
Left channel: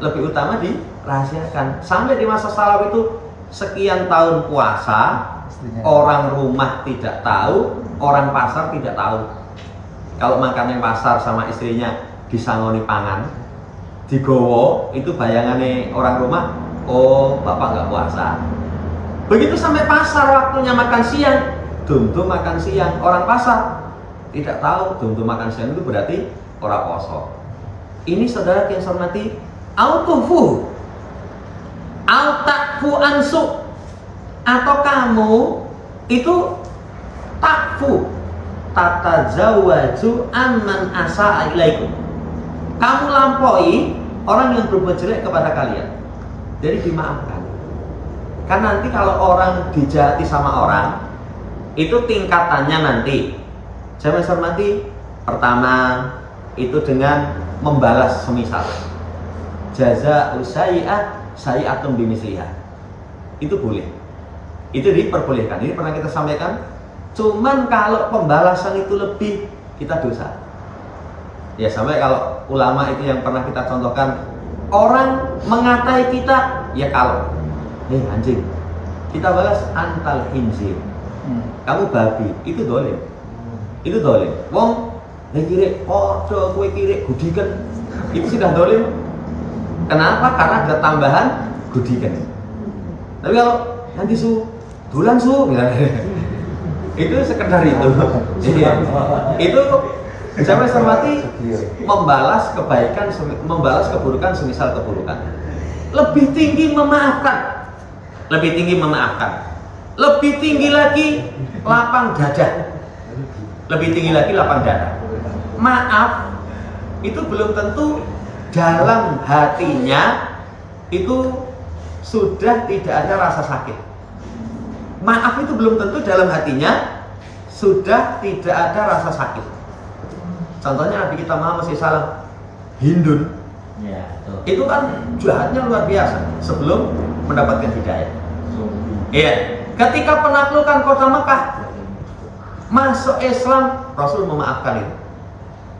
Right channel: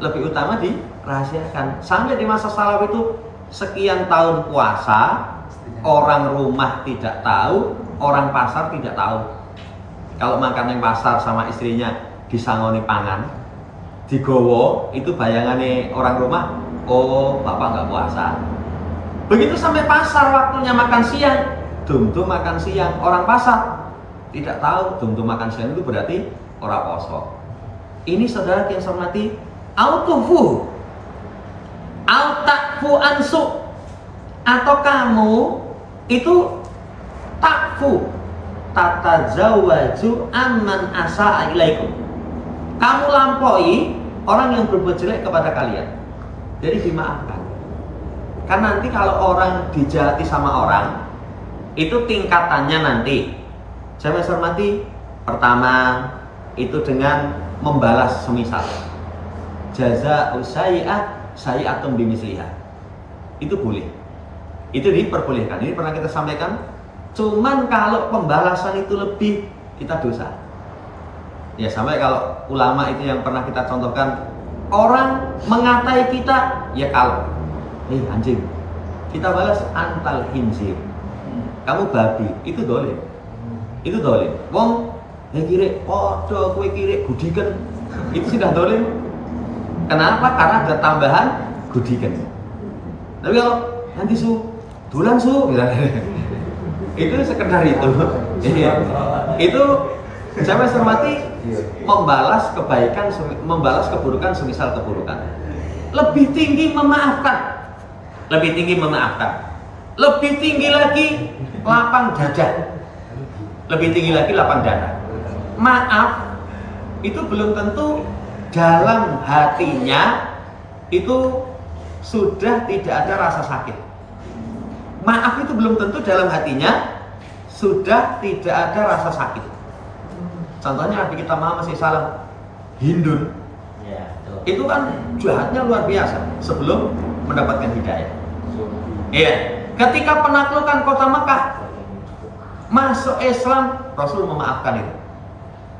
lebih utama dirahasiakan. Sampai di masa salaf itu sekian tahun puasa, orang rumah tidak tahu, orang pasar tidak tahu. Kalau makan yang pasar sama istrinya disangoni pangan, digowo, itu bayangannya orang rumah, oh bapak nggak puasa. Begitu sampai pasar waktunya makan siang, dum-dum makan siang, orang pasar tidak tahu dum-dum makan siang itu berarti orang poso. Ini saudara yang saya hormati, autufu autakfu ansu, atau kamu itu takfu tatazawwaju amman asa ilaikum. Kamu lampaui orang yang berbuat jelek kepada kalian. Jadi dimaafkan. Kan nanti kalau orang dijahati sama orang, itu tingkatannya nanti. Saya hormati, pertama itu dengan membalas semisal. Jaza usai'ah sayi'atun bimisliha. Itu boleh. Itu diperbolehkan. Ini pernah kita sampaikan. Cuman kalau pembalasan itu lebih, kita dosa. Ya sampai kalau ulama itu yang pernah kita contohkan, orang mengatai kita, ya kalau anjing, kita balas antal hinzir, kamu babi, itu dolim. Itu dolim. Wong kiri, podo kue kiri, gudikan, itu sudah dolim. Kenapa? Karena ada tambahan gudikan. Tapi kalau nanti dulan misalnya, itu sekedar itu. Itu saya hormati, membalas kebaikan, membalas keburukan semisal keburukan. Lebih tinggi memaafkan. Lebih tinggi memaafkan. Lebih tinggi lagi lapang dada. Lebih tinggi lagi lapang dada. Maaf itu belum tentu dalam hatinya itu sudah tidak ada rasa sakit. Maaf itu belum tentu dalam hatinya sudah tidak ada rasa sakit. Contohnya Nabi kita Muhammad SAW, Hindun, itu kan jahatnya luar biasa sebelum mendapatkan hidayah. Iya, ketika penaklukan kota Mekah, masuk Islam, Rasul memaafkan itu.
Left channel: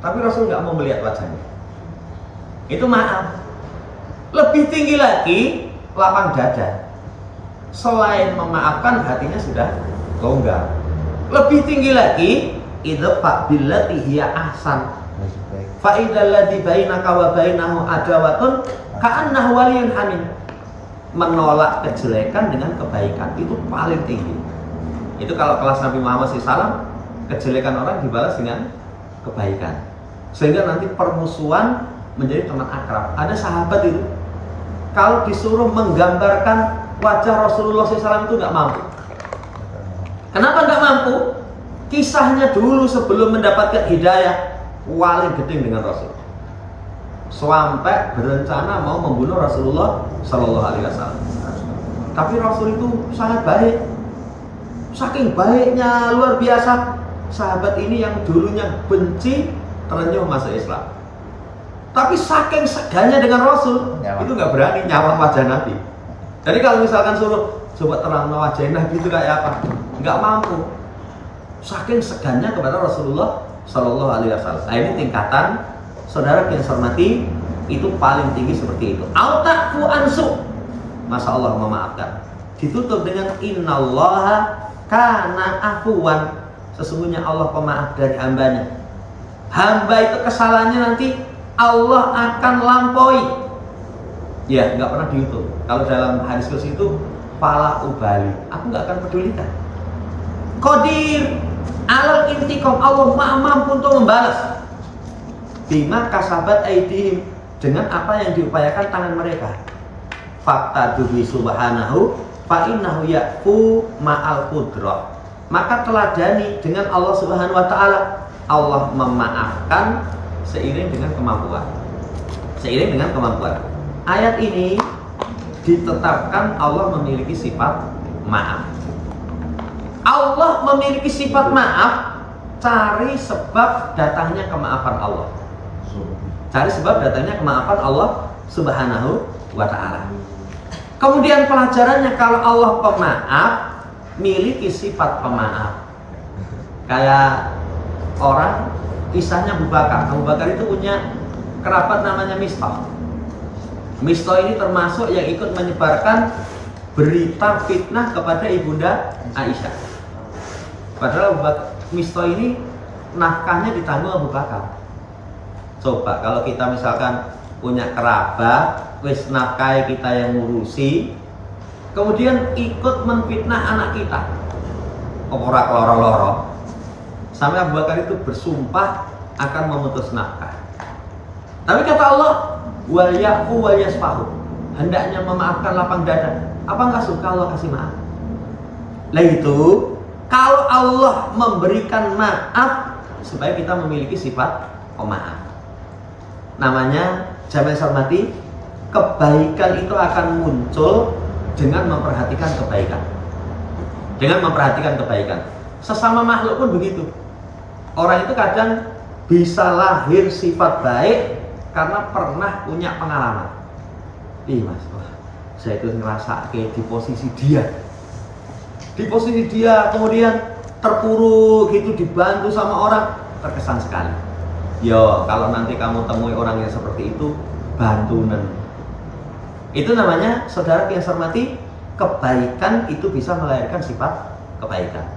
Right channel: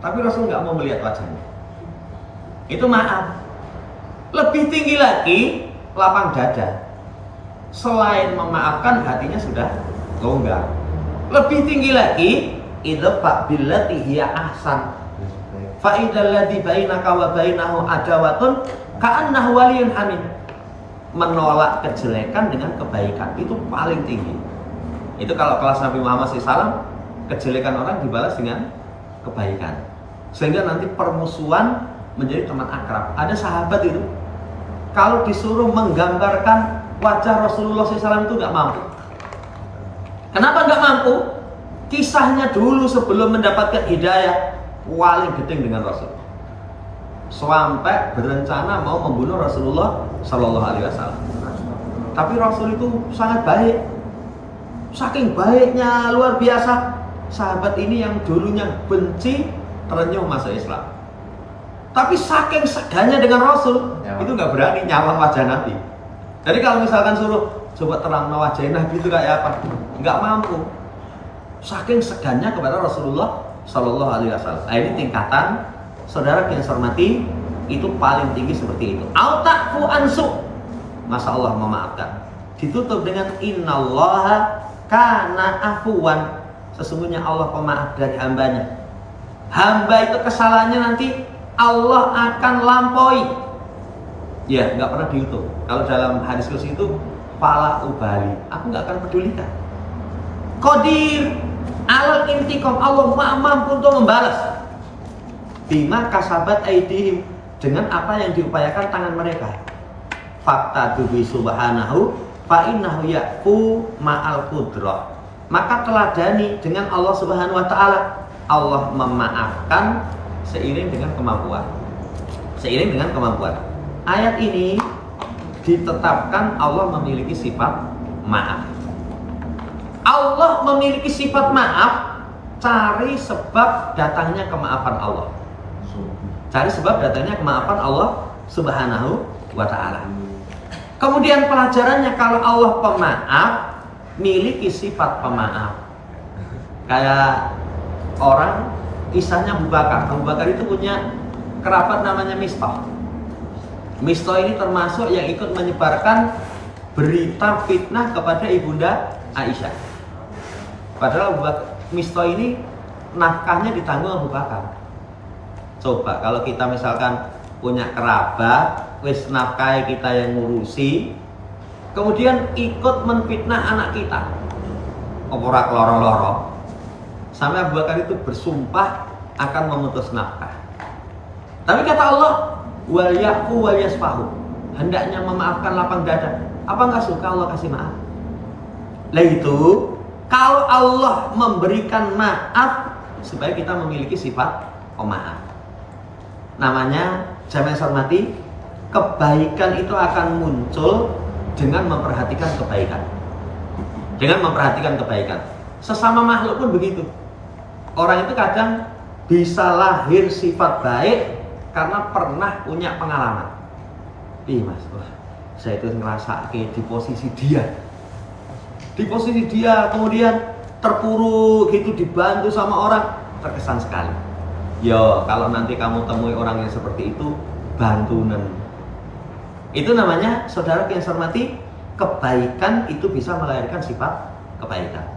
Tapi Rasul nggak mau melihat wajahnya. Itu maaf. Lebih tinggi lagi lapang dada. Selain memaafkan, hatinya sudah longgar. Lebih tinggi lagi idfa billati hiya ahsan fa idzal ladzi bainaka wa bainahu adawatun ka'annahu waliyyun hamim. Menolak kejelekan dengan kebaikan itu paling tinggi. Itu kalau kelas Nabi Muhammad SAW, kejelekan orang dibalas dengan kebaikan, sehingga nanti permusuhan menjadi teman akrab. Ada sahabat itu kalau disuruh menggambarkan wajah Rasulullah SAW itu nggak mampu. Kenapa nggak mampu? Kisahnya dulu sebelum mendapatkan hidayah, paling gedeng dengan Rasul, sampai berencana mau membunuh Rasulullah Shallallahu Alaihi Wasallam. Tapi Rasul itu sangat baik, saking baiknya luar biasa. Sahabat ini yang dulunya benci terenyuh masuk Islam. Tapi saking segannya dengan Rasul, itu nggak berani nyawang wajah Nabi. Jadi kalau misalkan suruh coba terang wajah Nabi itu kayak apa, nggak mampu. Saking segannya kepada Rasulullah Shallallahu Alaihi Wasallam. Nah, ini tingkatan saudara yang saya hormati, itu paling tinggi seperti itu. Autafu ansu, masa Allah memaafkan. Ditutup dengan innallaha kana afuwan, sesungguhnya Allah pemaaf dari hambanya. Hamba itu kesalahannya nanti Allah akan lampaui. Ya, nggak pernah dihitung. Kalau dalam hadis kursi itu fala ubali, aku nggak akan pedulikan. Qadir alal intiqam, Allah mampu untuk membalas. Bima kasabat aidihim, dengan apa yang diupayakan tangan mereka. Fakta dubi subhanahu fa innahu ya'fu ma'al qudrah, maka teladani dengan Allah Subhanahu wa taala, Allah memaafkan seiring dengan kemampuan. Seiring dengan kemampuan. Ayat ini ditetapkan Allah memiliki sifat maaf. Allah memiliki sifat maaf, cari sebab datangnya kemaafan Allah. Cari sebab datangnya kemaafan Allah Subhanahu wa ta'ala. Kemudian pelajarannya, kalau Allah pemaaf, miliki sifat pemaaf. Kayak orang, kisahnya Abu Bakar. Abu Bakar itu punya kerabat namanya Mistah. Mistah ini termasuk yang ikut menyebarkan berita fitnah kepada ibunda Aisyah. Padahal Mistah ini nafkahnya ditanggung Abu Bakar. Coba kalau kita misalkan punya kerabat, wis nafkahi kita yang ngurusi, kemudian ikut menfitnah anak kita, ora keloro-loro, sampai Abu Bakar itu bersumpah akan memutus nafkah. Tapi kata Allah, wal yafu wal yasfahu, hendaknya memaafkan lapang dada. Apa nggak suka Allah kasih maaf? Lah itu, kalau Allah memberikan maaf supaya kita memiliki sifat pemaaf. Namanya, jamaah hormati, kebaikan itu akan muncul dengan memperhatikan kebaikan. Dengan memperhatikan kebaikan. Sesama makhluk pun begitu. Orang itu kadang bisa lahir sifat baik karena pernah punya pengalaman. Ih mas, wah, saya itu ngerasa kayak di posisi dia. Di posisi dia, kemudian terpuruk gitu, dibantu sama orang, terkesan sekali. Yo, kalau nanti kamu temui orang yang seperti itu, bantunen. Itu namanya, saudara yang saya hormati, kebaikan itu bisa melahirkan sifat kebaikan.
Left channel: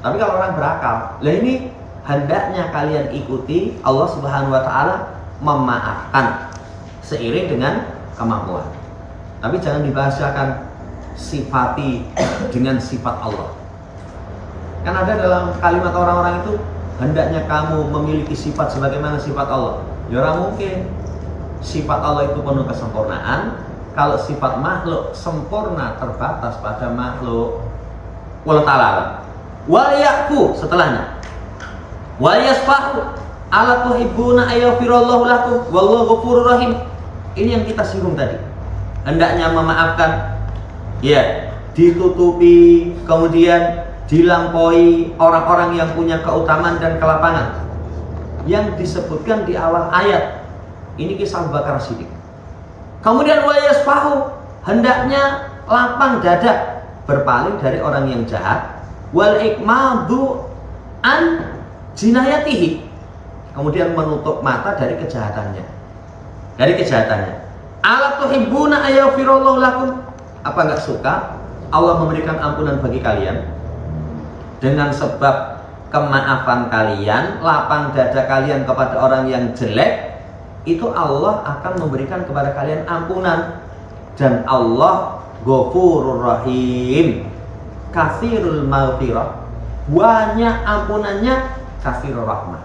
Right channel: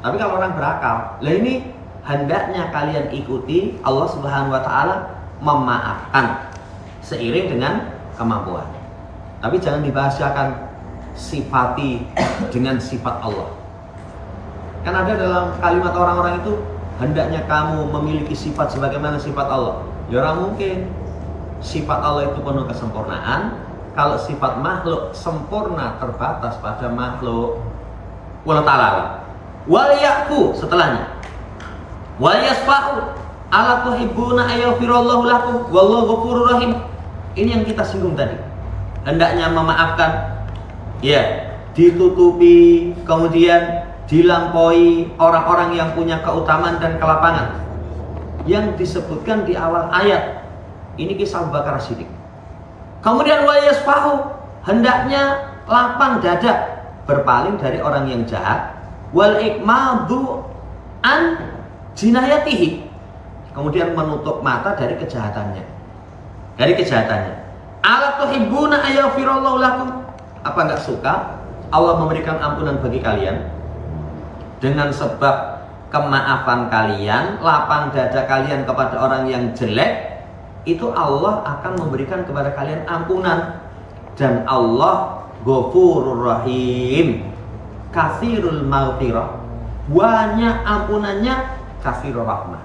Tapi kalau orang berakal, lah ini hendaknya kalian ikuti Allah Subhanahu wa taala memaafkan seiring dengan kemampuan. Tapi jangan dibahasakan sifati dengan sifat Allah. Kan ada dalam kalimat orang-orang itu, hendaknya kamu memiliki sifat sebagaimana sifat Allah. Ya orang mungkin. Sifat Allah itu penuh kesempurnaan. Kalau sifat makhluk sempurna terbatas pada makhluk. Wallahu ta'ala. Wal ya'fu, setelahnya. Wal yasfahu. Ala tuhibbuna ayyafirallahu lakum wallahu ghafurur rahim. Ini yang kita singgung tadi. Hendaknya memaafkan. Ya, ditutupi, kemudian dilampaui orang-orang yang punya keutamaan dan kelapangan yang disebutkan di awal ayat. Ini kisah Abu Bakar Siddiq. Kemudian wa yasfahu, hendaknya lapang dada, berpaling dari orang yang jahat. Wal ikmadu an jinayatihi, kemudian menutup mata dari kejahatannya. Dari kejahatannya. Ala tuhibbuna ayyafirallahu lakum, apa enggak suka Allah memberikan ampunan bagi kalian dengan sebab kemaafan kalian, lapang dada kalian kepada orang yang jelek, itu Allah akan memberikan kepada kalian ampunan. Dan Allah Ghafurur Rahim, Katsirul Maghfirah, banyak ampunannya, Katsirur Rahmah,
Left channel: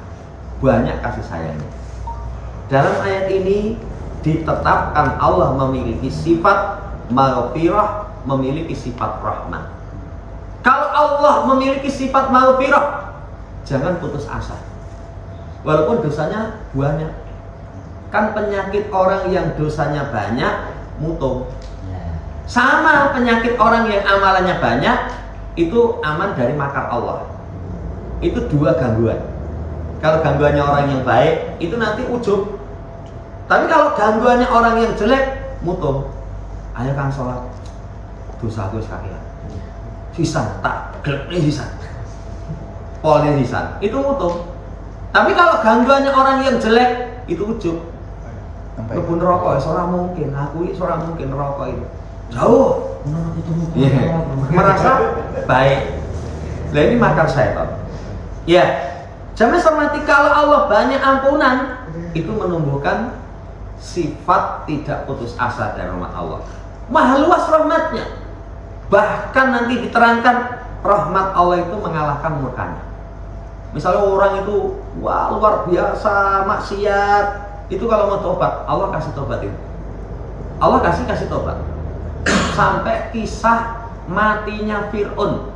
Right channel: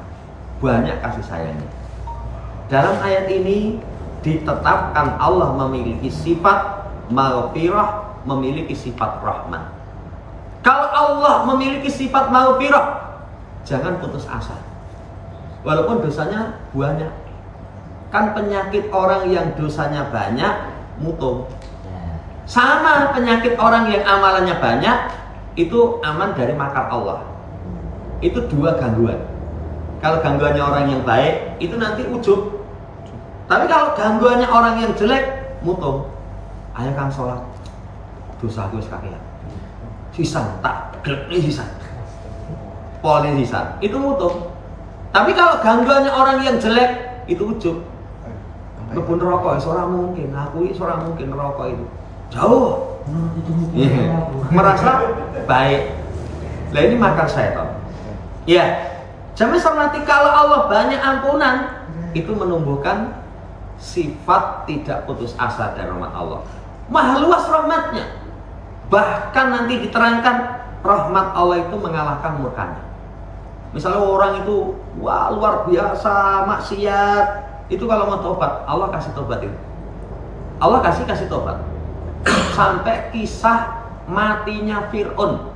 banyak kasih sayangnya. Dalam ayat ini ditetapkan Allah memiliki sifat maghfirah, memiliki sifat rahmat. Kalau Allah memiliki sifat maghfirah, jangan putus asa. Walaupun dosanya banyak. Kan penyakit orang yang dosanya banyak mutung. Sama penyakit orang yang amalannya banyak, itu aman dari makar Allah. Itu dua gangguan. Kalau gangguannya orang yang baik, itu nanti ujub. Tapi kalau gangguannya orang yang jelek, mutung. Ayo Kang sholat, dosaku wis kakean. Sisan tak gelekne sisan. Polnya sisan, itu mutung. Tapi kalau gangguannya orang yang jelek, itu ujub. Lebih rokok, seorang mungkin, aku seorang mungkin rokok itu jauh, merasa baik. Nah ini makar syaitan. Ya, jangan hormati, kalau Allah banyak ampunan, itu menumbuhkan sifat tidak putus asa dari rahmat Allah. Maha luas rahmatnya. Bahkan nanti diterangkan rahmat Allah itu mengalahkan murkanya. Misalnya orang itu wah luar biasa maksiat, itu kalau mau tobat, Allah kasih tobat itu. Allah kasih tobat. Sampai kisah matinya Fir'aun.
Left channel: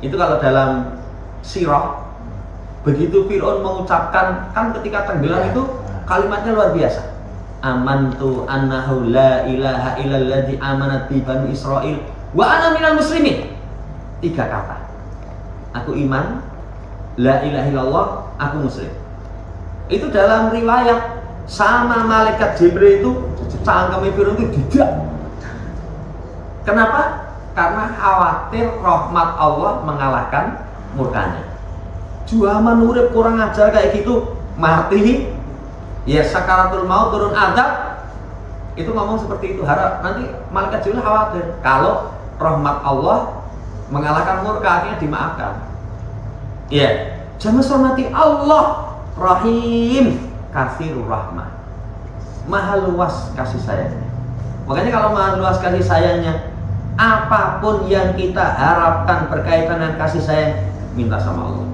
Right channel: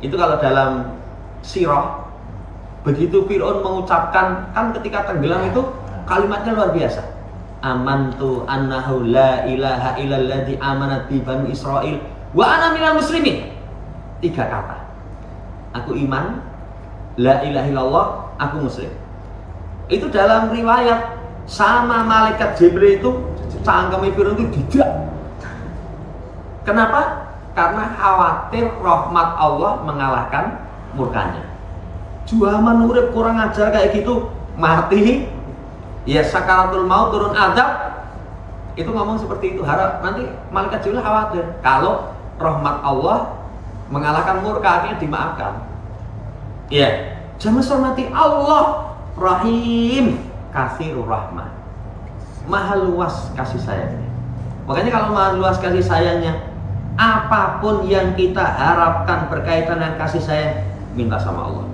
Itu kalau dalam sirah, begitu Fir'aun mengucapkan, kan ketika tenggelam itu kalimatnya luar biasa. Amantu annahu la ilaha illalladzi amanat bi banu Israil wa ana minal muslimin. 3 kata. Aku iman, la ilaha illallah, aku muslim. Itu dalam riwayat sama malaikat Jibril itu cangkeme Fir'aun itu tidak. Kenapa? Karena khawatir rahmat Allah mengalahkan murkanya. Zaman urip kurang ajar kayak gitu, mati ya sakaratul maut, turun azab, itu ngomong seperti itu. Harap nanti malaikat Jibril khawatir kalau rahmat Allah mengalahkan murka, akhirnya dimaafkan. Ya, jangan hormati Allah Rahim, Katsirur Rahmah, maha luas kasih sayangnya. Makanya kalau maha luas kasih sayangnya, apapun yang kita harapkan berkaitan dengan kasih sayang, minta sama Allah.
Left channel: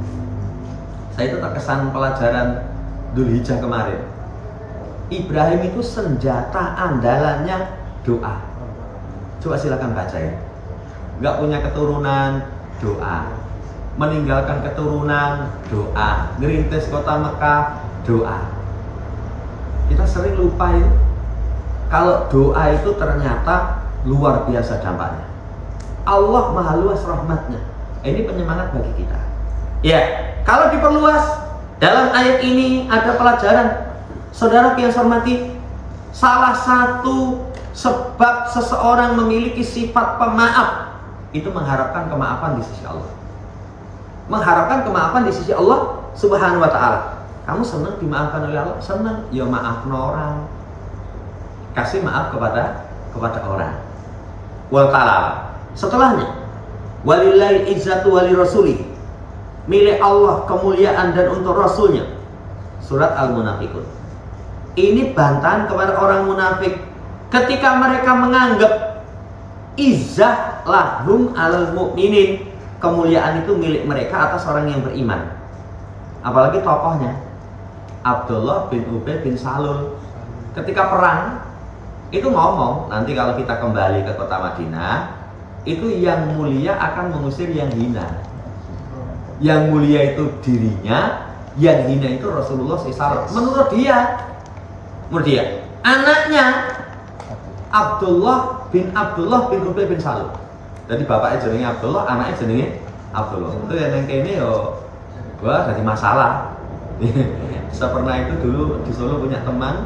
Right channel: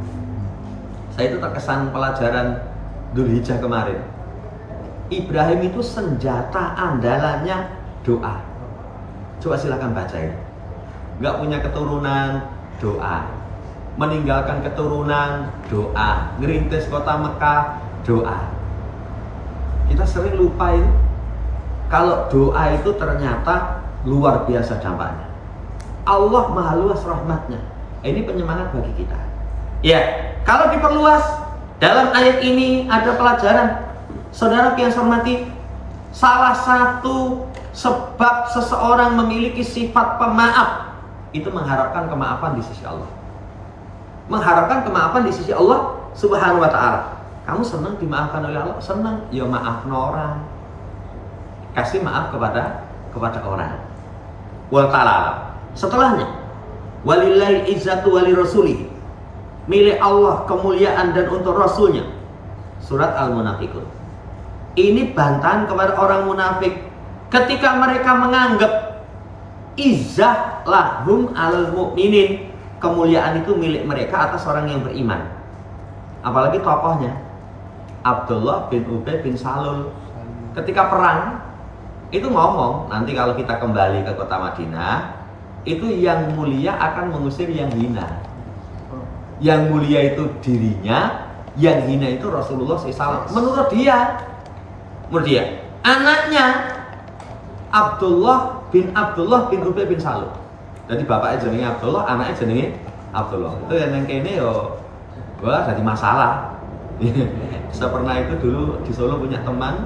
Saya itu terkesan pelajaran Dzulhijjah kemarin. Ibrahim itu senjata andalannya doa. Coba silakan bacain. Nggak punya keturunan, doa. Meninggalkan keturunan, doa. Ngerintis kota Mekah, doa. Kita sering lupa itu. Kalau doa itu ternyata luar biasa dampaknya. Allah maha luas rahmatnya. Ini penyemangat bagi kita. Ya, kalau diperluas, dalam ayat ini ada pelajaran. Saudara yang saya hormati, salah satu sebab seseorang memiliki sifat pemaaf itu mengharapkan kemaafan di sisi Allah. Mengharapkan kemaafan di sisi Allah Subhanahu wa ta'ala. Kamu senang dimaafkan oleh Allah? Senang, ya maaf orang. Kasih maaf kepada orang. Wa ta'ala. Setelahnya, walillahi izzatu wali rasulih, milik Allah kemuliaan dan untuk Rasulnya. Surat Al-Munafiqun. Ini bantahan kepada orang munafik ketika mereka menganggap izzah lahum alal mu'minin, kemuliaan itu milik mereka atas orang yang beriman. Apalagi tokohnya Abdullah bin Ubay bin Salul. Ketika perang itu ngomong, nanti kalau kita kembali ke kota Madinah, itu yang mulia akan mengusir yang hina. Yang mulia itu dirinya, yang hina itu Rasulullah SAW. Menurut dia, anaknya Abdullah bin Ubay bin Salul. Jadi bapaknya jenenge Abdullah, anaknya jenenge Abdullah. Itu yang kene yo, wah jadi masalah. Saya pernah itu dulu di Solo punya teman.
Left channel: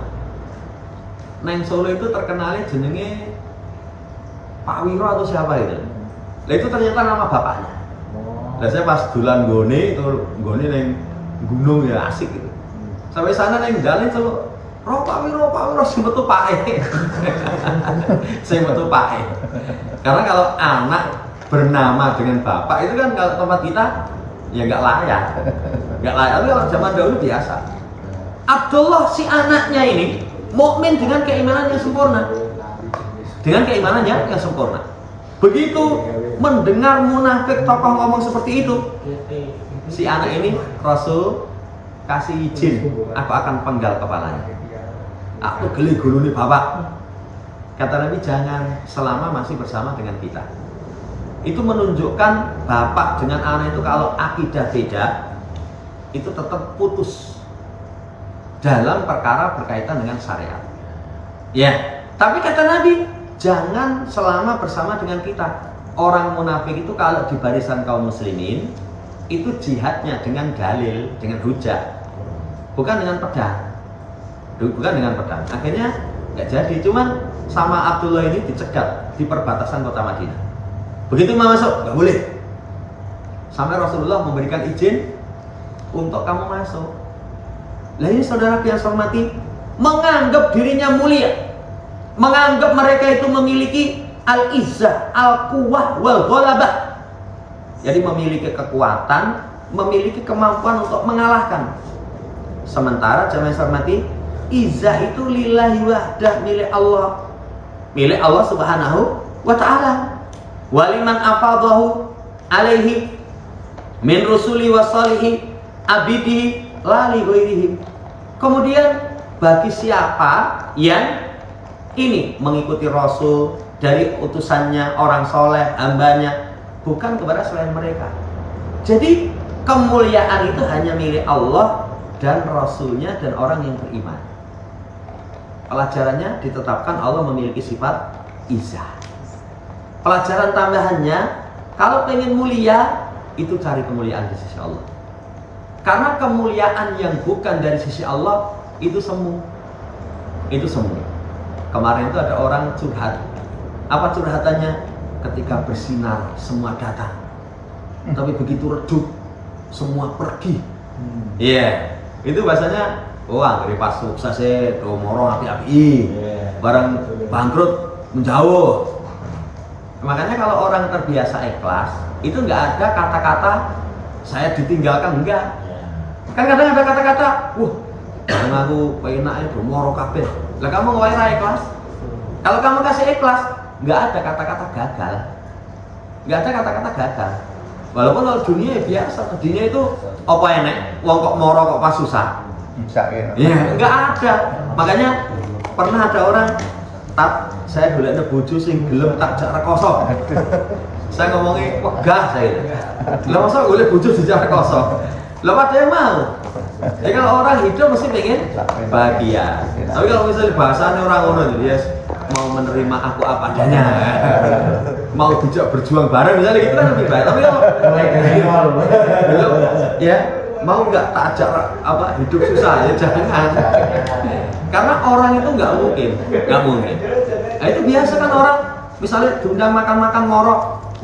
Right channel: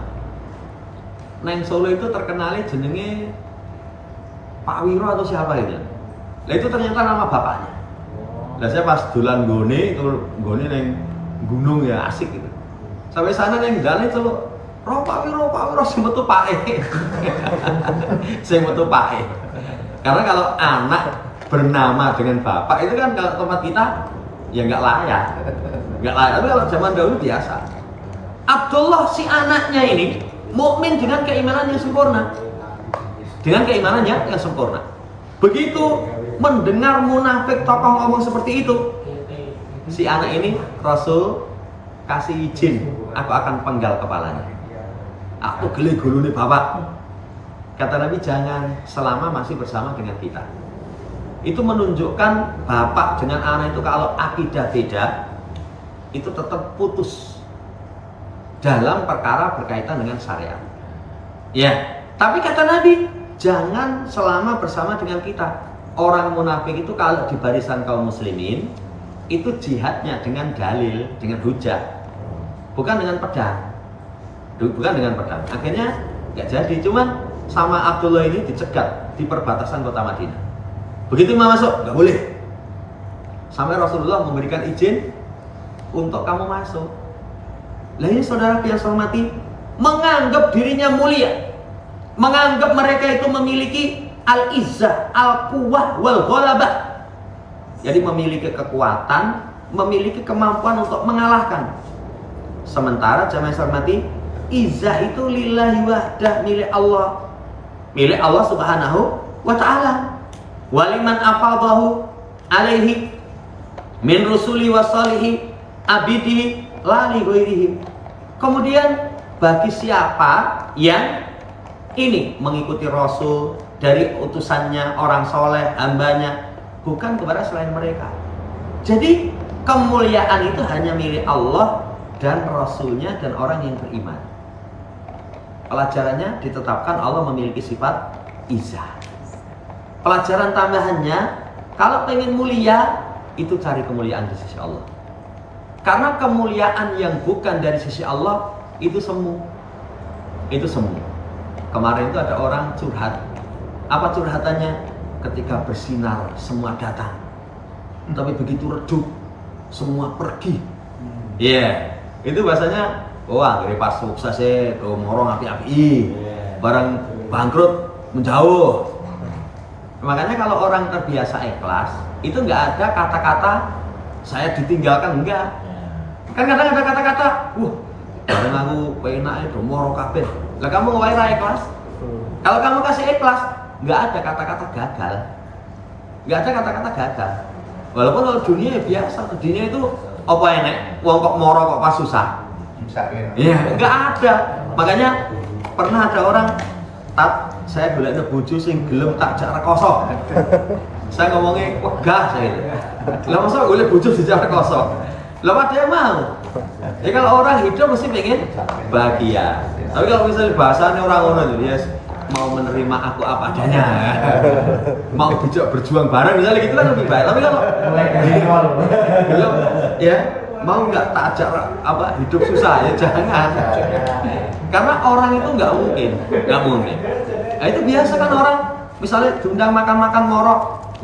Neng Solo itu terkenalnya jenenge Pak Wiro atau siapa itu. Nah itu ternyata nama bapaknya. Nah saya pas dolan gone neng gunung ya asik gitu. Sampai sana neng dalan itu Pak Wiro sing metu pake. Sing metu pake. Karena kalau anak bernama dengan bapak itu kan kalau tempat kita Ya nggak layak. Nggak layak. Tapi kalau zaman dahulu biasa. Abdullah si anaknya ini mukmin dengan keimanan yang sempurna. Dengan keimanannya yang sempurna. Begitu mendengar munafik tokoh ngomong seperti itu, si anak ini Rasul kasih izin, aku akan penggal kepalanya. Aku geli gulune bapak. Kata Nabi, jangan selama masih bersama dengan kita. Itu menunjukkan bapak dengan anak itu kalau akidah beda, itu tetap putus dalam perkara berkaitan dengan syariat. Ya, tapi kata Nabi, jangan selama bersama dengan kita. Orang munafik itu kalau di barisan kaum muslimin, itu jihadnya dengan dalil, dengan hujah, bukan dengan pedang. Bukan dengan pedang. Akhirnya nggak jadi. Cuman sama Abdullah ini dicegat di perbatasan kota Madinah. Begitu mau masuk, nggak boleh. Sampai Rasulullah memberikan izin untuk kamu masuk. Lah ini saudara yang saya hormati, menganggap dirinya mulia, menganggap mereka itu memiliki al-izzah, al-quwwah, wal-ghalabah. Jadi memiliki kekuatan, memiliki kemampuan untuk mengalahkan. Sementara jamaah yang saya hormati, izzah itu lillahi wahdah, milik Allah. Milik Allah subhanahu wa ta'ala. Waliman afadahu alaihi min rusuli wa salihi abidi lali ghairihim. Kemudian bagi siapa yang ini mengikuti Rasul dari utusannya, orang soleh, hambanya, bukan kepada selain mereka. Jadi kemuliaan itu hanya milik Allah dan Rasulnya dan orang yang beriman. Pelajarannya ditetapkan Allah memiliki sifat izzah. Pelajaran tambahannya, kalau pengen mulia, itu cari kemuliaan di sisi Allah. Karena kemuliaan yang bukan dari sisi Allah itu semu. Itu semu. Kemarin itu ada orang curhat. Apa curhatannya? Ketika bersinar semua datang, tapi begitu redup semua pergi. Iya, itu bahasanya, wah dari pas sukses do morong api-api, barang bangkrut menjauh. Makanya kalau orang terbiasa ikhlas, itu nggak ada kata-kata saya ditinggalkan, enggak. Kan kadang ada kata-kata, barang aku pengen do moro kabeh. Lah kamu wae ikhlas. Kalau kamu kasih ikhlas, nggak ada kata-kata gagal, nggak ada kata-kata gagal. Walaupun kalau dunia biasa, dunia itu apa enek, wong kok moro kok pas susah. Ya, nggak ada. Makanya pernah ada orang, saya golekne bojo sing gelem tak jak rekoso. Saya ngomongnya wegah saya itu. Lah masa golek bojo dijak rekoso. Lah ada yang mau. Ya kalau orang hidup mesti pengen bahagia. Tapi kalau misalnya bahasanya orang ngono jadi mau menerima aku apa adanya, mau dijak berjuang bareng misalnya gitu kan lebih baik. Tapi kalau belum ya mau nggak tak ajak hidup susah ya jangan. Karena orang itu nggak mungkin. Nah itu biasa kan orang misalnya diundang makan-makan moro,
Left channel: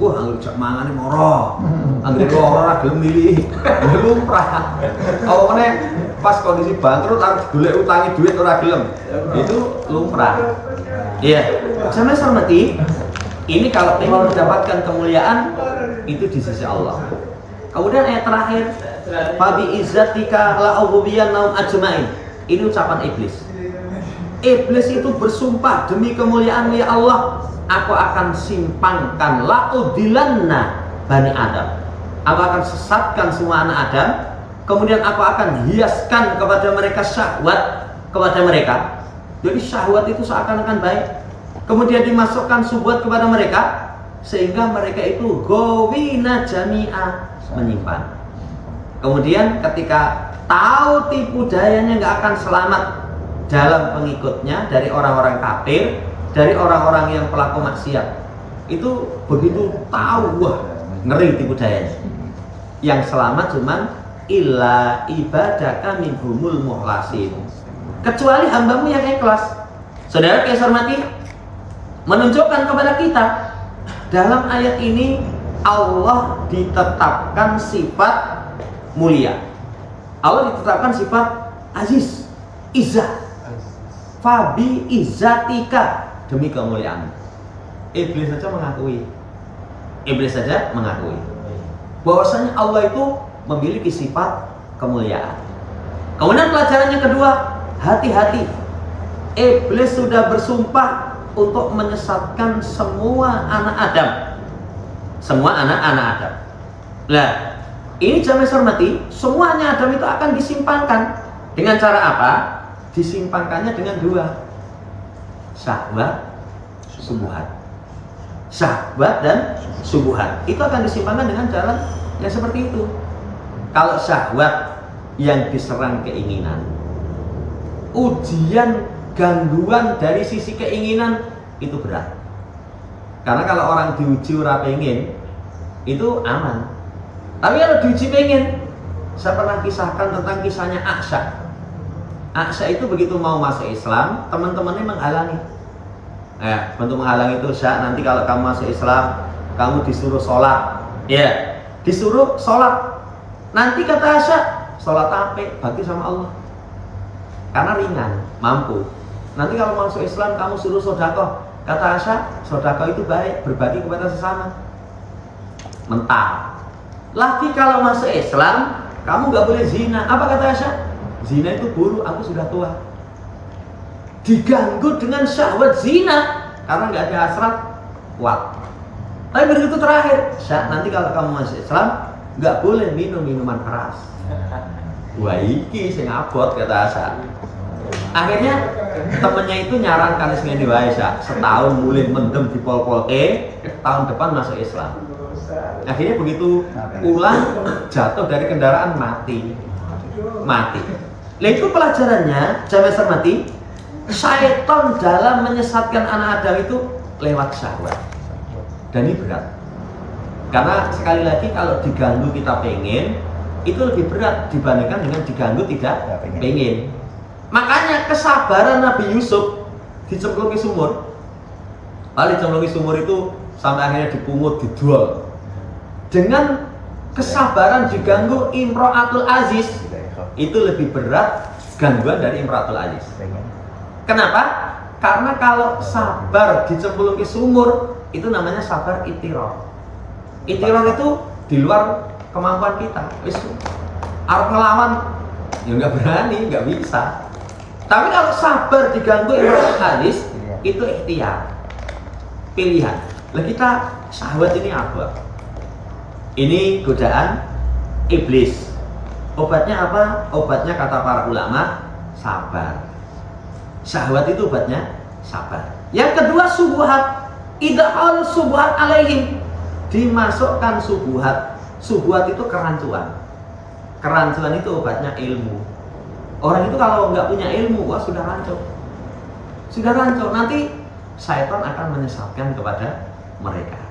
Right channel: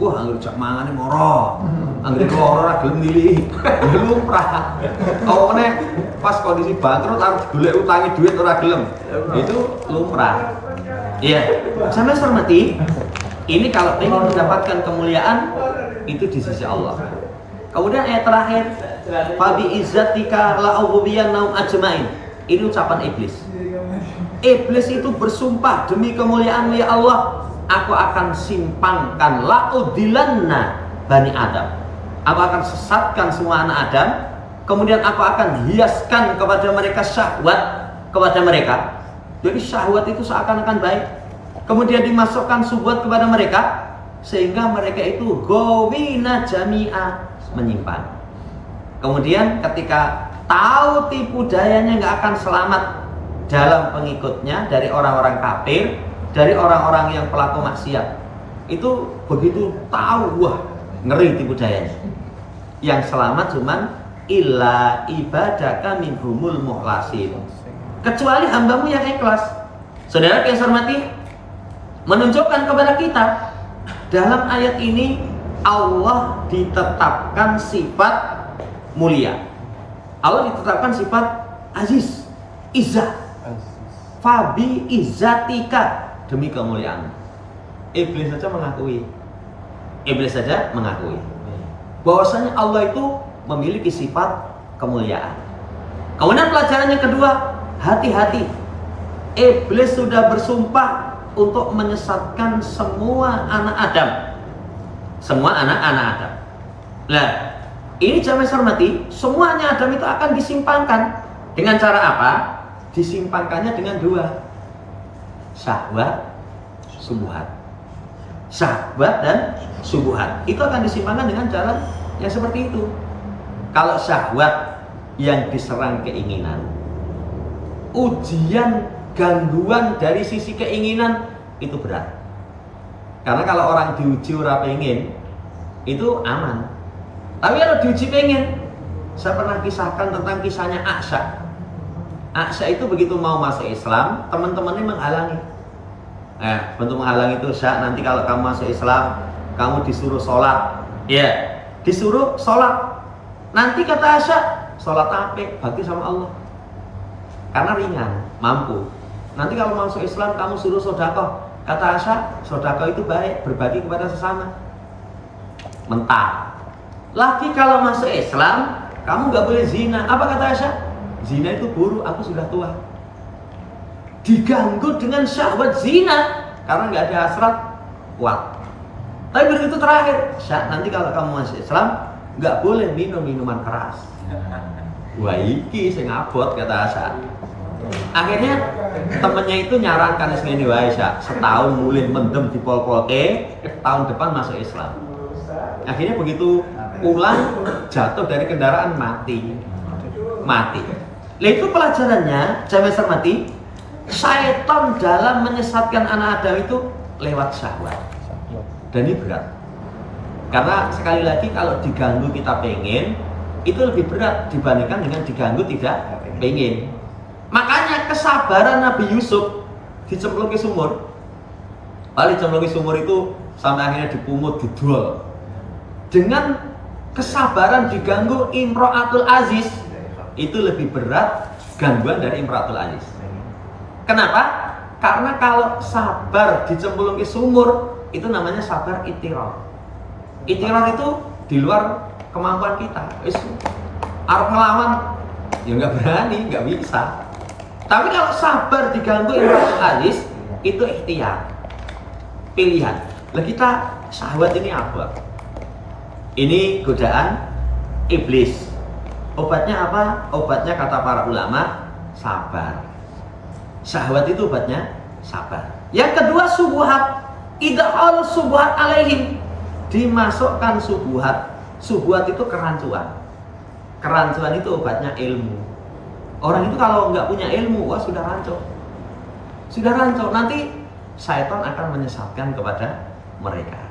wah anggur jak mangane moro, anggur ora gelem milih, lumrah. Kalau mana pas kondisi bangkrut harus golek utangi duit ora gelem, itu lumrah. Iya, sama hormati. Ini kalau ingin mendapatkan kemuliaan itu di sisi Allah. Kemudian ayat terakhir, fabi izzatika la ughwiyannahum ajmain. Ini ucapan iblis. Iblis itu bersumpah demi kemuliaan-Mu ya Allah, aku akan simpangkan la udilanna bani Adam. Aku akan sesatkan semua anak Adam. Kemudian aku akan hiaskan kepada mereka syahwat kepada mereka. Jadi syahwat itu seakan-akan baik. Kemudian dimasukkan syubhat kepada mereka sehingga mereka itu gawina jami'ah, menyimpang. Kemudian ketika tahu tipu dayanya nggak akan selamat dalam pengikutnya dari orang-orang kafir, dari orang-orang yang pelaku maksiat, itu begitu tahu, wah ngeri tipu dayanya. Yang selamat cuman illa ibadaka minhumul muhlasin, kecuali hambamu yang ikhlas. Saudara yang saya hormati, menunjukkan kepada kita dalam ayat ini Allah ditetapkan sifat mulia. Allah ditetapkan sifat aziz, izzah. Fabi izzatika, demi kemuliaan. Iblis saja mengakui bahwasanya Allah itu memiliki sifat kemuliaan. Kemudian pelajaran yang kedua, hati-hati. Iblis sudah bersumpah untuk menyesatkan semua anak Adam. Semua anak-anak Adam. Nah, ini jamaah hormati, semuanya Adam itu akan disimpangkan. Dengan cara apa? Disimpangkannya dengan dua, syahwat, subuhat. Syahwat dan subuhat itu akan disimpangkan dengan cara yang seperti itu. Kalau syahwat yang diserang keinginan, ujian gangguan dari sisi keinginan itu berat. Karena kalau orang diuji ora pengen itu aman. Tapi kalau diuji pengen, saya pernah kisahkan tentang kisahnya Aksha. Aksha itu begitu mau masuk Islam, teman-temannya menghalangi. Bentuk menghalangi itu, Syak, nanti kalau kamu masuk Islam, kamu disuruh sholat. Ya, disuruh sholat. Nanti kata Syak, sholat apa? Bakti sama Allah. Karena ringan, mampu. Nanti kalau masuk Islam, kamu suruh sodakoh. Kata Syak, sodakoh itu baik, berbagi kepada sesama. Mentah. Lagi kalau masuk Islam, kamu nggak boleh zina. Apa kata Syak? Zina itu buruk, aku sudah tua. Diganggu dengan syahwat zina karena nggak ada hasrat, kuat. Tapi begitu terakhir, Syak, nanti kalau kamu masuk Islam nggak boleh minum minuman keras. Wah, iki sing abot kata Syak. Akhirnya temennya itu nyarankan ngene wae, Syak, setahun mulih mendem di pol-polke, tahun depan masuk Islam. Akhirnya begitu pulang jatuh dari kendaraan mati. Lah itu pelajarannya, jamaah hormati. Syaitan dalam menyesatkan anak Adam itu lewat syahwat. Dan ini berat. Karena sekali lagi kalau diganggu kita pengen, itu lebih berat dibandingkan dengan diganggu tidak pengen. Makanya kesabaran Nabi Yusuf dicemplung ke sumur. Paling dicemplung ke sumur itu sampai akhirnya dipungut, dijual. Dengan kesabaran diganggu Imro'atul Aziz, itu lebih berat gangguan dari Imro'atul Aziz. Kenapa? Karena kalau sabar dicemplung ke sumur, itu namanya sabar itiror. Itiror itu di luar kemampuan kita. Arep ngelawan, ya nggak berani, nggak bisa. Tapi kalau sabar diganggu Imro'atul Aziz, itu ikhtiar, pilihan. Lah kita syahwat ini apa? Ini godaan iblis. Obatnya apa? Obatnya kata para ulama, sabar. Syahwat itu obatnya sabar. Yang kedua subuhat. Idhal subuhat alaihim. Dimasukkan subuhat. Subuhat itu kerancuan. Kerancuan itu obatnya ilmu. Orang itu kalau nggak punya ilmu, wah sudah rancu. Sudah rancu. Nanti syaitan akan menyesatkan kepada mereka.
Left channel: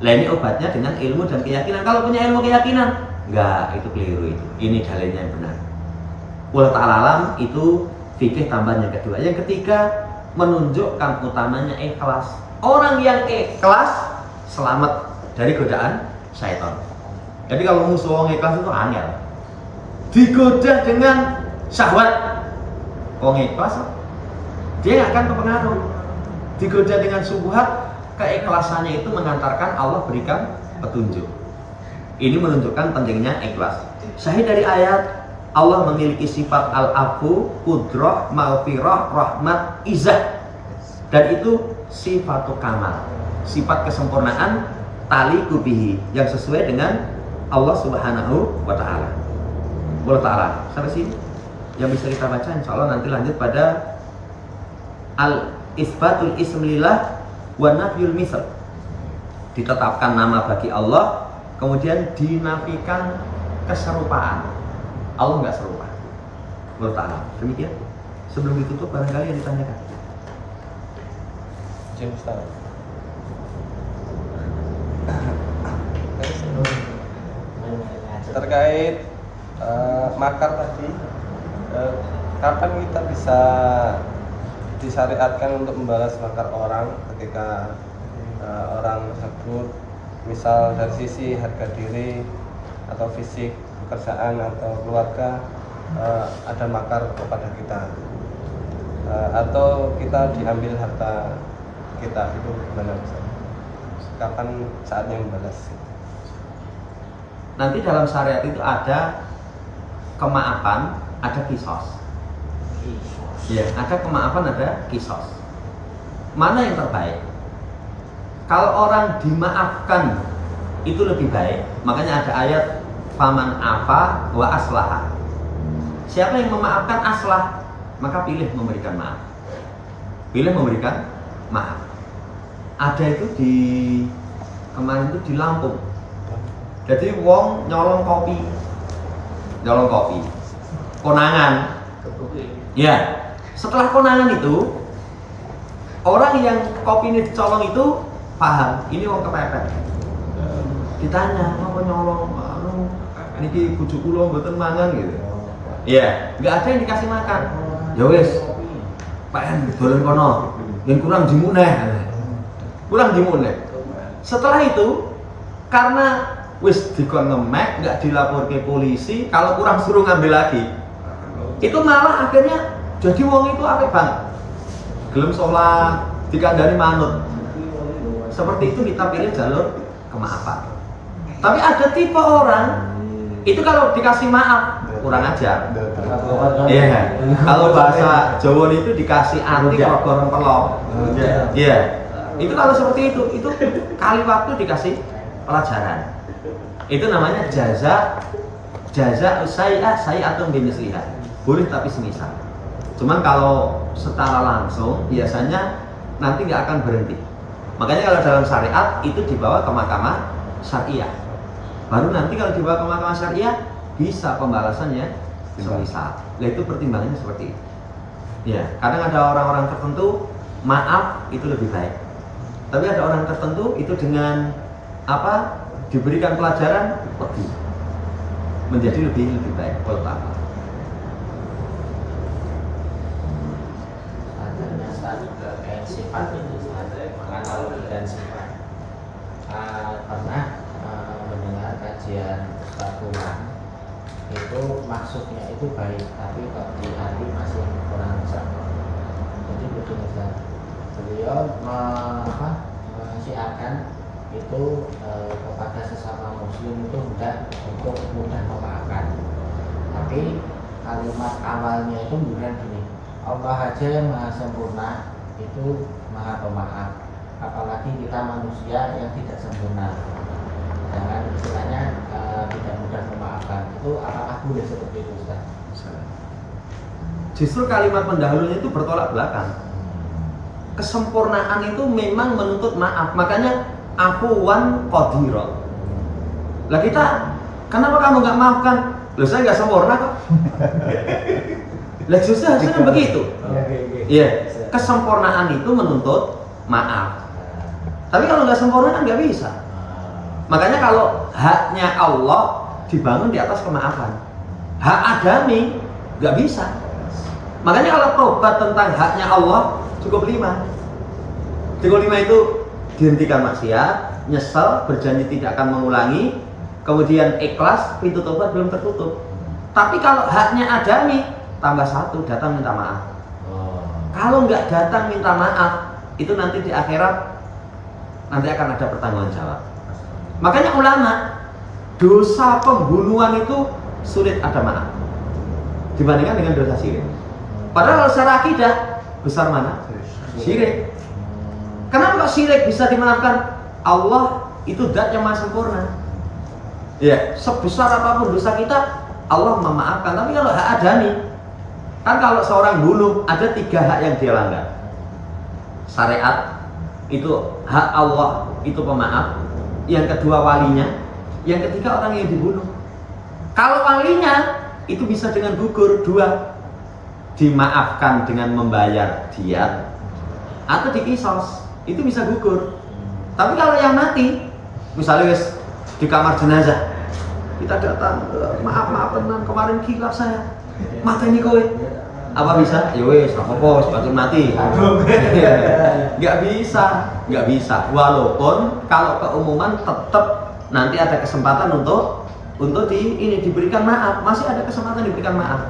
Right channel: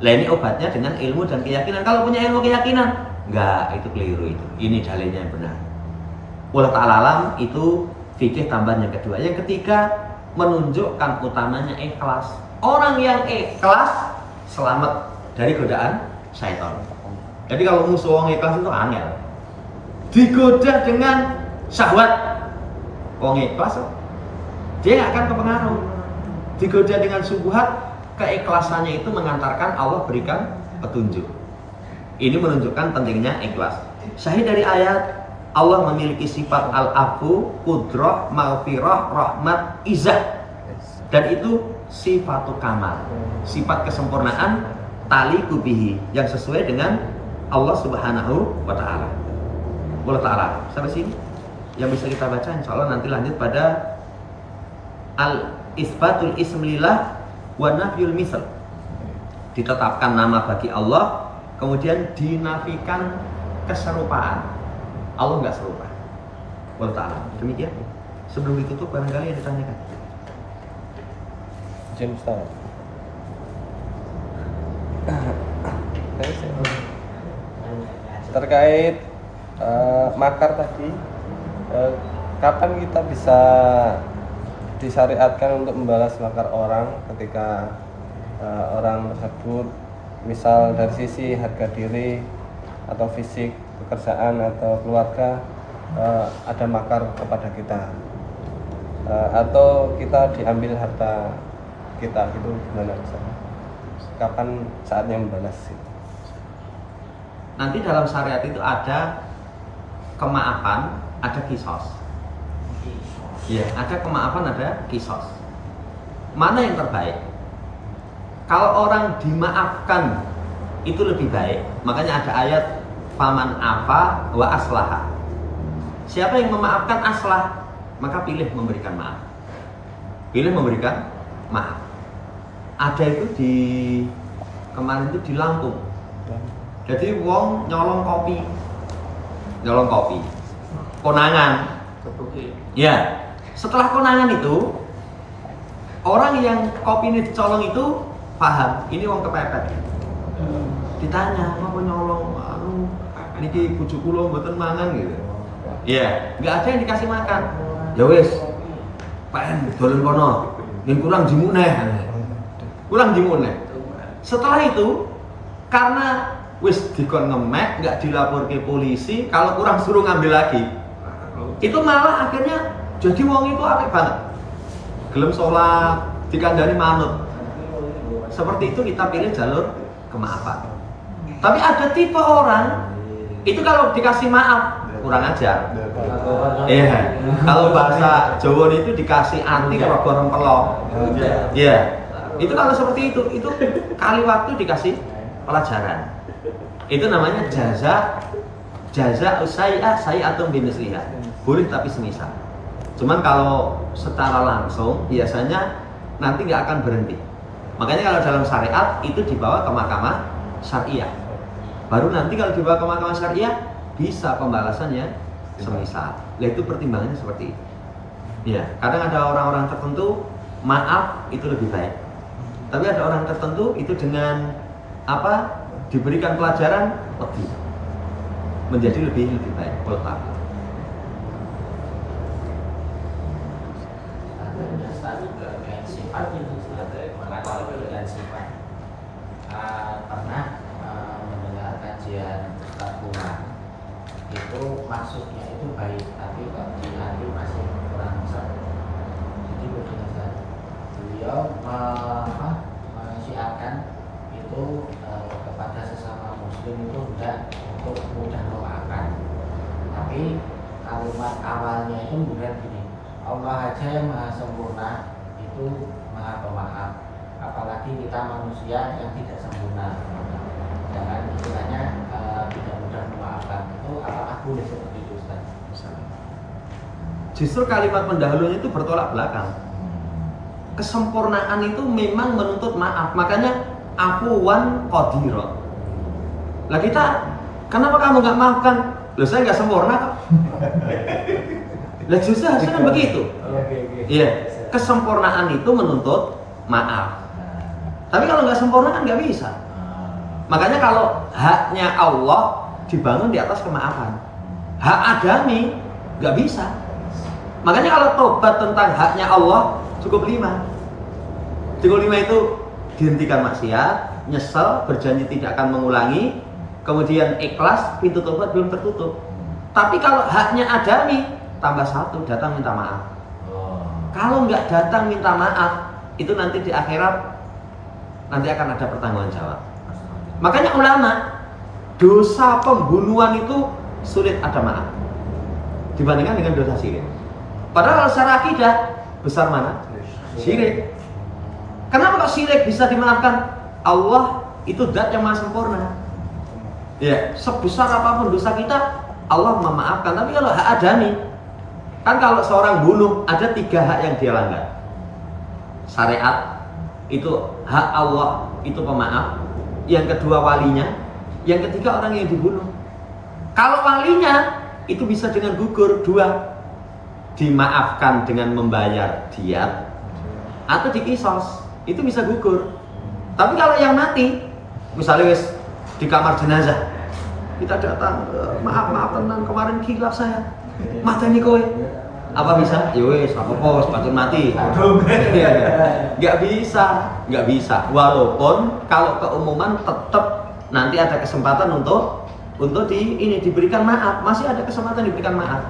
Lah ini obatnya dengan ilmu dan keyakinan. Kalau punya ilmu keyakinan, enggak, itu keliru itu. Ini dalilnya yang benar. Wallahu ta'ala alam, itu fikih tambahan yang kedua. Yang ketiga, menunjukkan utamanya ikhlas. Orang yang ikhlas selamat dari godaan syaitan. Jadi kalau musuh orang ikhlas itu angel. Digoda dengan syahwat, orang ikhlas dia nggak akan kepengaruh. Digoda dengan subuhat, keikhlasannya itu mengantarkan Allah berikan petunjuk. Ini menunjukkan pentingnya ikhlas. Syahid dari ayat, Allah memiliki sifat al-afu, qudrah, maghfirah, rahmat, izah. Dan itu sifatu kamal, sifat kesempurnaan taliqu bihi, yang sesuai dengan Allah Subhanahu wa ta'ala. Wallahu ta'ala. Sampai sini yang bisa kita baca, insyaallah nanti lanjut pada al-isbatul ismillah wa nafyul misal. Ditetapkan nama bagi Allah, kemudian dinafikan keserupaan. Allah nggak serupa. Wallahu ta'ala. Demikian. Sebelum ditutup barangkali yang ditanyakan. Terkait makar tadi, kapan kita bisa disyariatkan untuk membalas makar orang ketika orang tersebut misal dari sisi harga diri atau fisik, pekerjaan atau keluarga ada makar kepada kita, atau kita diambil harta kita, itu gimana? Kapan saatnya membalas itu? nanti dalam syariat itu ada kemaafan, ada kisos. Ya, ada kemaafan, ada kisos. Mana yang terbaik? Kalau orang dimaafkan itu lebih baik. Makanya ada ayat faman afa wa aslaha. Siapa yang memaafkan aslah, maka pilih memberikan maaf. Pilih memberikan maaf. Ada itu di kemarin itu di Lampung. Jadi wong nyolong kopi. Konangan. Ya. Setelah konangan itu, orang yang kopi ini dicolong itu paham, ini wong kepepet. Ditanya, apa nyolong? Anu, niki bojo kula mboten mangan gitu. Iya, nggak ada yang dikasih makan. Ya wis, Pak En dolen kono, yang kurang jimuneh. Kurang jimuneh. Setelah itu, karena wis dikon ngemek, nggak dilapor ke polisi, kalau kurang suruh ngambil lagi. Itu malah akhirnya jadi wong itu apik banget. Gelem sholat, dikandani manut. Seperti itu kita pilih jalur kemaafan. Tapi ada tipe orang itu kalau dikasih maaf kurang ajar. Iya. Kalau bahasa Jawa itu dikasih ati rogo rempelok. Iya. Itu kalau seperti itu kali waktu dikasih pelajaran. Itu namanya jaza sayi'atun bimisliha. Boleh tapi semisal. Cuman kalau secara langsung biasanya nanti nggak akan berhenti. Makanya kalau dalam syariat itu dibawa ke mahkamah syariah. Baru nanti kalau dibawa ke mahkamah syariah bisa pembalasannya semisal. Nah itu pertimbangannya seperti itu. Ya, kadang ada orang-orang tertentu maaf itu lebih baik. Tapi ada orang tertentu itu dengan apa diberikan pelajaran lebih menjadi lebih baik. Wallahu pernah mendengar kajian Ustaz itu maksudnya itu baik, tapi kok di hati masih kurang satu. Jadi begini Ustaz, beliau menasihatkan itu kepada sesama muslim itu untuk mudah memaafkan. Tapi kalimat awalnya itu kemudian gini, Allah aja yang maha sempurna itu maha pemaaf, apalagi kita manusia yang tidak sempurna. Jangan istilahnya tidak mudah memaafkan. Itu apakah boleh seperti itu Ustaz? Justru kalimat pendahulunya itu bertolak belakang. Kesempurnaan itu memang menuntut maaf. Makanya afuwan qadira. Lah kita, kenapa kamu nggak maafkan? Loh saya nggak sempurna kok. Lah justru harusnya begitu. Iya, kesempurnaan itu menuntut maaf. Tapi kalau nggak sempurna kan nggak bisa. Makanya kalau haknya Allah dibangun di atas kemaafan. Hak adami nggak bisa. Makanya kalau tobat tentang haknya Allah cukup 5. Cukup 5 itu dihentikan maksiat, nyesel, berjanji tidak akan mengulangi, kemudian ikhlas, pintu tobat belum tertutup. Tapi kalau haknya adami tambah 1, datang minta maaf. Kalau nggak datang minta maaf, itu nanti di akhirat nanti akan ada pertanggungan jawab. Makanya ulama, dosa pembunuhan itu sulit ada maaf dibandingkan dengan dosa syirik. Padahal secara akidah besar mana? Syirik. Kenapa kok syirik bisa dimaafkan? Allah itu zat yang maha sempurna. Ya, sebesar apapun dosa kita, Allah memaafkan. Tapi kalau hak adami, kan kalau seorang bunuh ada 3 hak yang dia langgar. Syariat itu hak Allah itu pemaaf. Yang kedua walinya, yang ketiga orang yang dibunuh. Kalau walinya itu bisa dengan gugur 2, dimaafkan dengan membayar diat atau dikisos, itu bisa gugur. Tapi kalau yang mati, misalnya wis di kamar jenazah, kita datang, maaf tenang kemarin kilaf saya, mata ini kowe, apa bisa? Ya wis, apa-apa, sepatutnya mati. Nggak bisa. Walaupun kalau keumuman tetap nanti ada kesempatan untuk diberikan maaf, masih ada kesempatan diberikan maaf.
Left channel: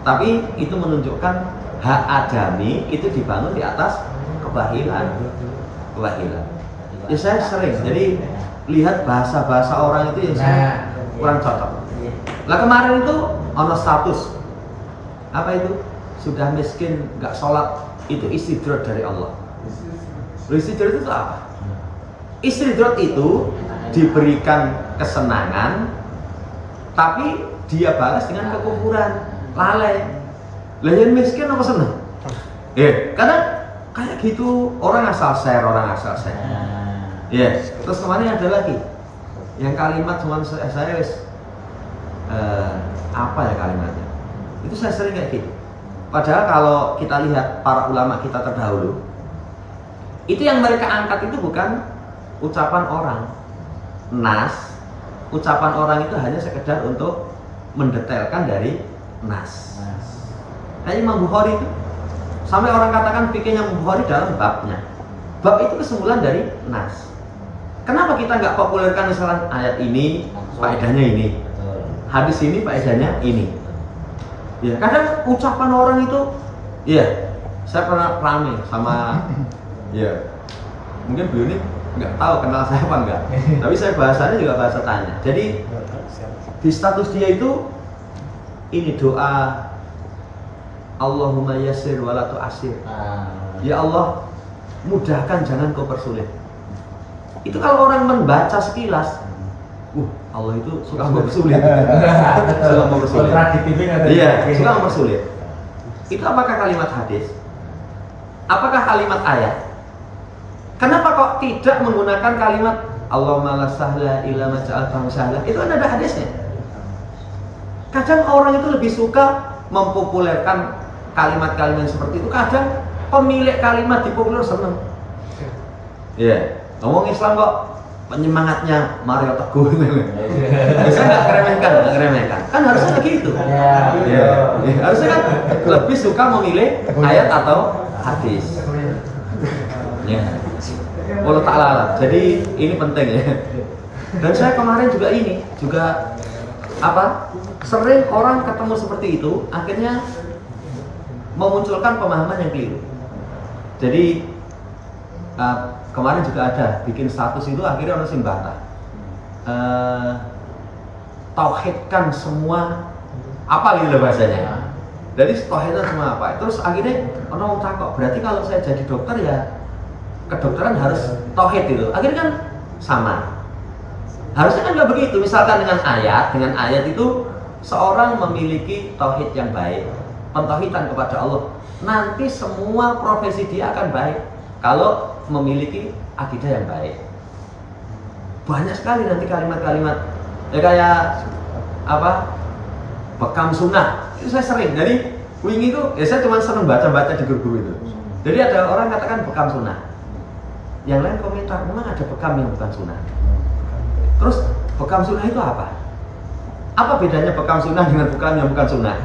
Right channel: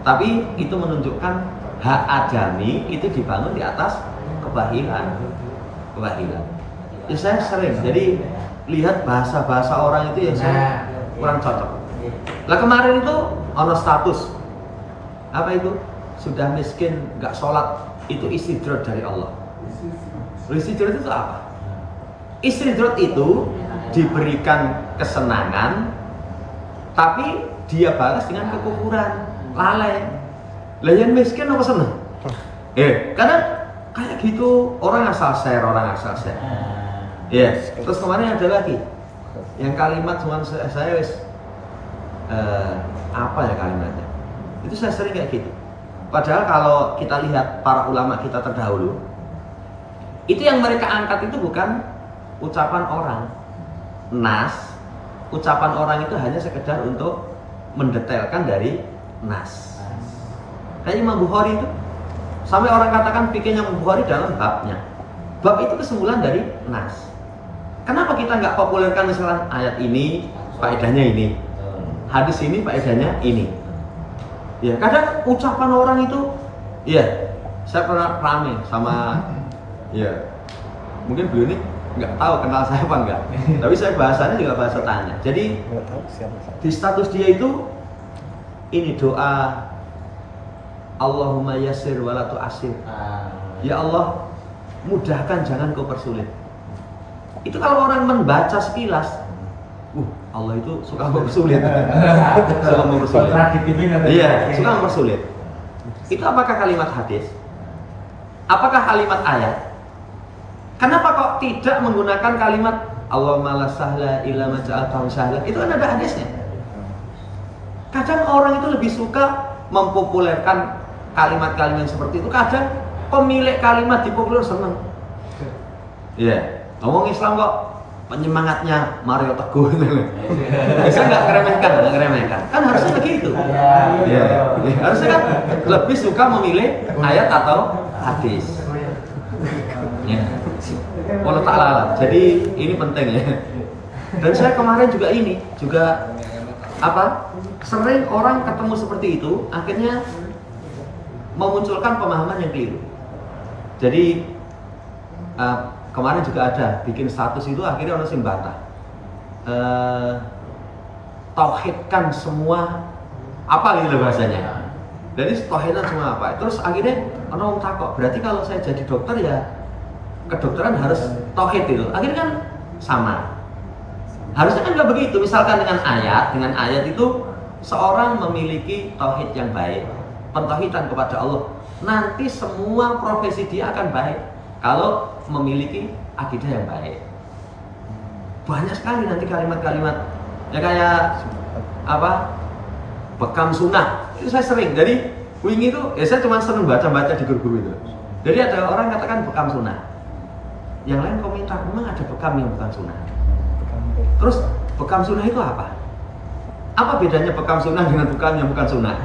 Tapi itu menunjukkan hak adami itu dibangun di atas kebahilan. Ya saya sering, jadi lihat bahasa-bahasa orang itu yang saya kurang cocok. Lah kemarin itu ono status apa itu? Sudah miskin, nggak sholat, itu istidrat dari Allah. Istidrat itu apa? Istidrat itu diberikan kesenangan, tapi dia balas dengan kekufuran, lalai. Lah yang miskin apa seneng? Karena kayak gitu orang asal share. Terus kemarin ada lagi yang kalimat cuman saya wis apa ya kalimatnya? Itu saya sering kayak gitu. Padahal kalau kita lihat para ulama kita terdahulu, itu yang mereka angkat itu bukan ucapan orang. Nas, ucapan orang itu hanya sekedar untuk mendetailkan dari nas. Kayak Imam Bukhari itu, sampai orang katakan fikihnya Imam Bukhari dalam babnya. Bab itu kesimpulan dari nas. Kenapa kita nggak populerkan misalnya ayat ini faedahnya ini, hadis ini faedahnya ini? Ya kadang ucapan orang itu, ya saya pernah rame sama, ya mungkin beliau ini nggak tahu kenal saya apa enggak, tapi saya bahasanya juga bahasa tanya. Jadi di status dia itu ini doa Allahumma yassir wala tu'assir. Ya Allah, mudahkan jangan kau persulit. Itu kalau orang membaca sekilas, Allah itu suka mempersulit. Suka mempersulit. Iya, suka mempersulit. Itu apakah kalimat hadis? Apakah kalimat ayat? Kenapa kok tidak menggunakan kalimat Allahumma la sahla illa ma ja'altahu sahla? Itu kan ada hadisnya. Kadang orang itu lebih suka mempopulerkan kalimat-kalimat seperti itu. Kadang pemilik kalimat dipopuler seneng. Iya, ngomong Islam kok penyemangatnya Mario Teguh. Bisa nggak ngeremehkan. Kan harusnya nggak gitu. Ya, harusnya kan lebih suka memilih ayat atau hadis. Ya. Wallahu ta'ala. Jadi ini penting ya. Dan saya kemarin juga sering orang ketemu seperti itu, akhirnya memunculkan pemahaman yang keliru. Jadi kemarin juga ada bikin status itu, akhirnya orang sing bantah tauhidkan semua apa gitu bahasanya. Jadi tauhidkan semua apa. Terus akhirnya orang takut, berarti kalau saya jadi dokter ya kedokteran harus tauhid itu. Akhirnya kan sama. Harusnya kan nggak begitu. Misalkan dengan ayat itu seorang memiliki tauhid yang baik, pentauhidan kepada Allah, nanti semua profesi dia akan baik kalau memiliki akidah yang baik. Banyak sekali nanti kalimat-kalimat ya kayak bekam sunnah itu saya sering. Jadi wingi itu saya cuma seneng baca-baca di guru-guru itu. Jadi ada orang katakan bekam sunnah, yang lain komentar memang ada bekam yang bukan sunnah. Terus bekam sunnah itu apa? Apa bedanya bekam sunnah dengan bekam yang bukan sunnah?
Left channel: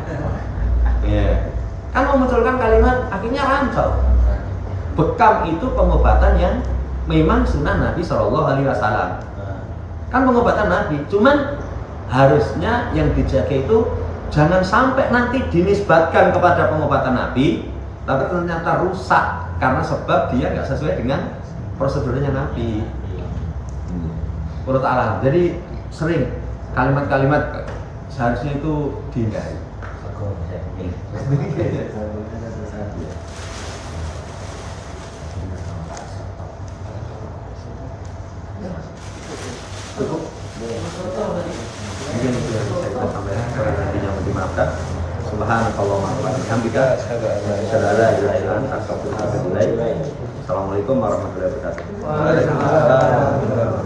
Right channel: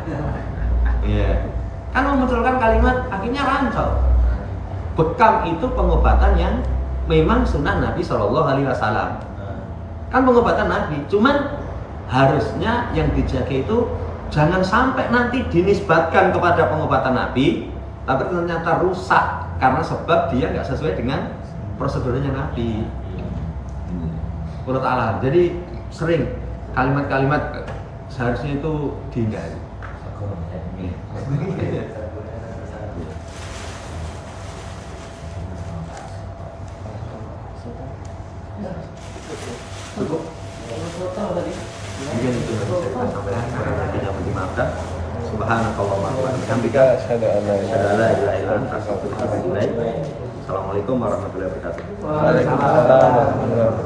Kan memunculkan kalimat akhirnya rancau. Bekam itu pengobatan yang memang sunnah Nabi SAW. Kan pengobatan Nabi, cuman harusnya yang dijaga itu jangan sampai nanti dinisbatkan kepada pengobatan Nabi, tapi ternyata rusak karena sebab dia nggak sesuai dengan prosedurnya Nabi. Wallahu ta'ala. Jadi sering kalimat-kalimat seharusnya itu dihindari. Cukup? Mungkin itu yang bisa kita sampaikan. Kurang lebihnya mohon dimaafkan. Subhanakallahumma wa bihamdika asyhadu an la ilaha illa anta astaghfiruka wa atubu ilaik. Assalamualaikum warahmatullahi wabarakatuh. Waalaikumsalam.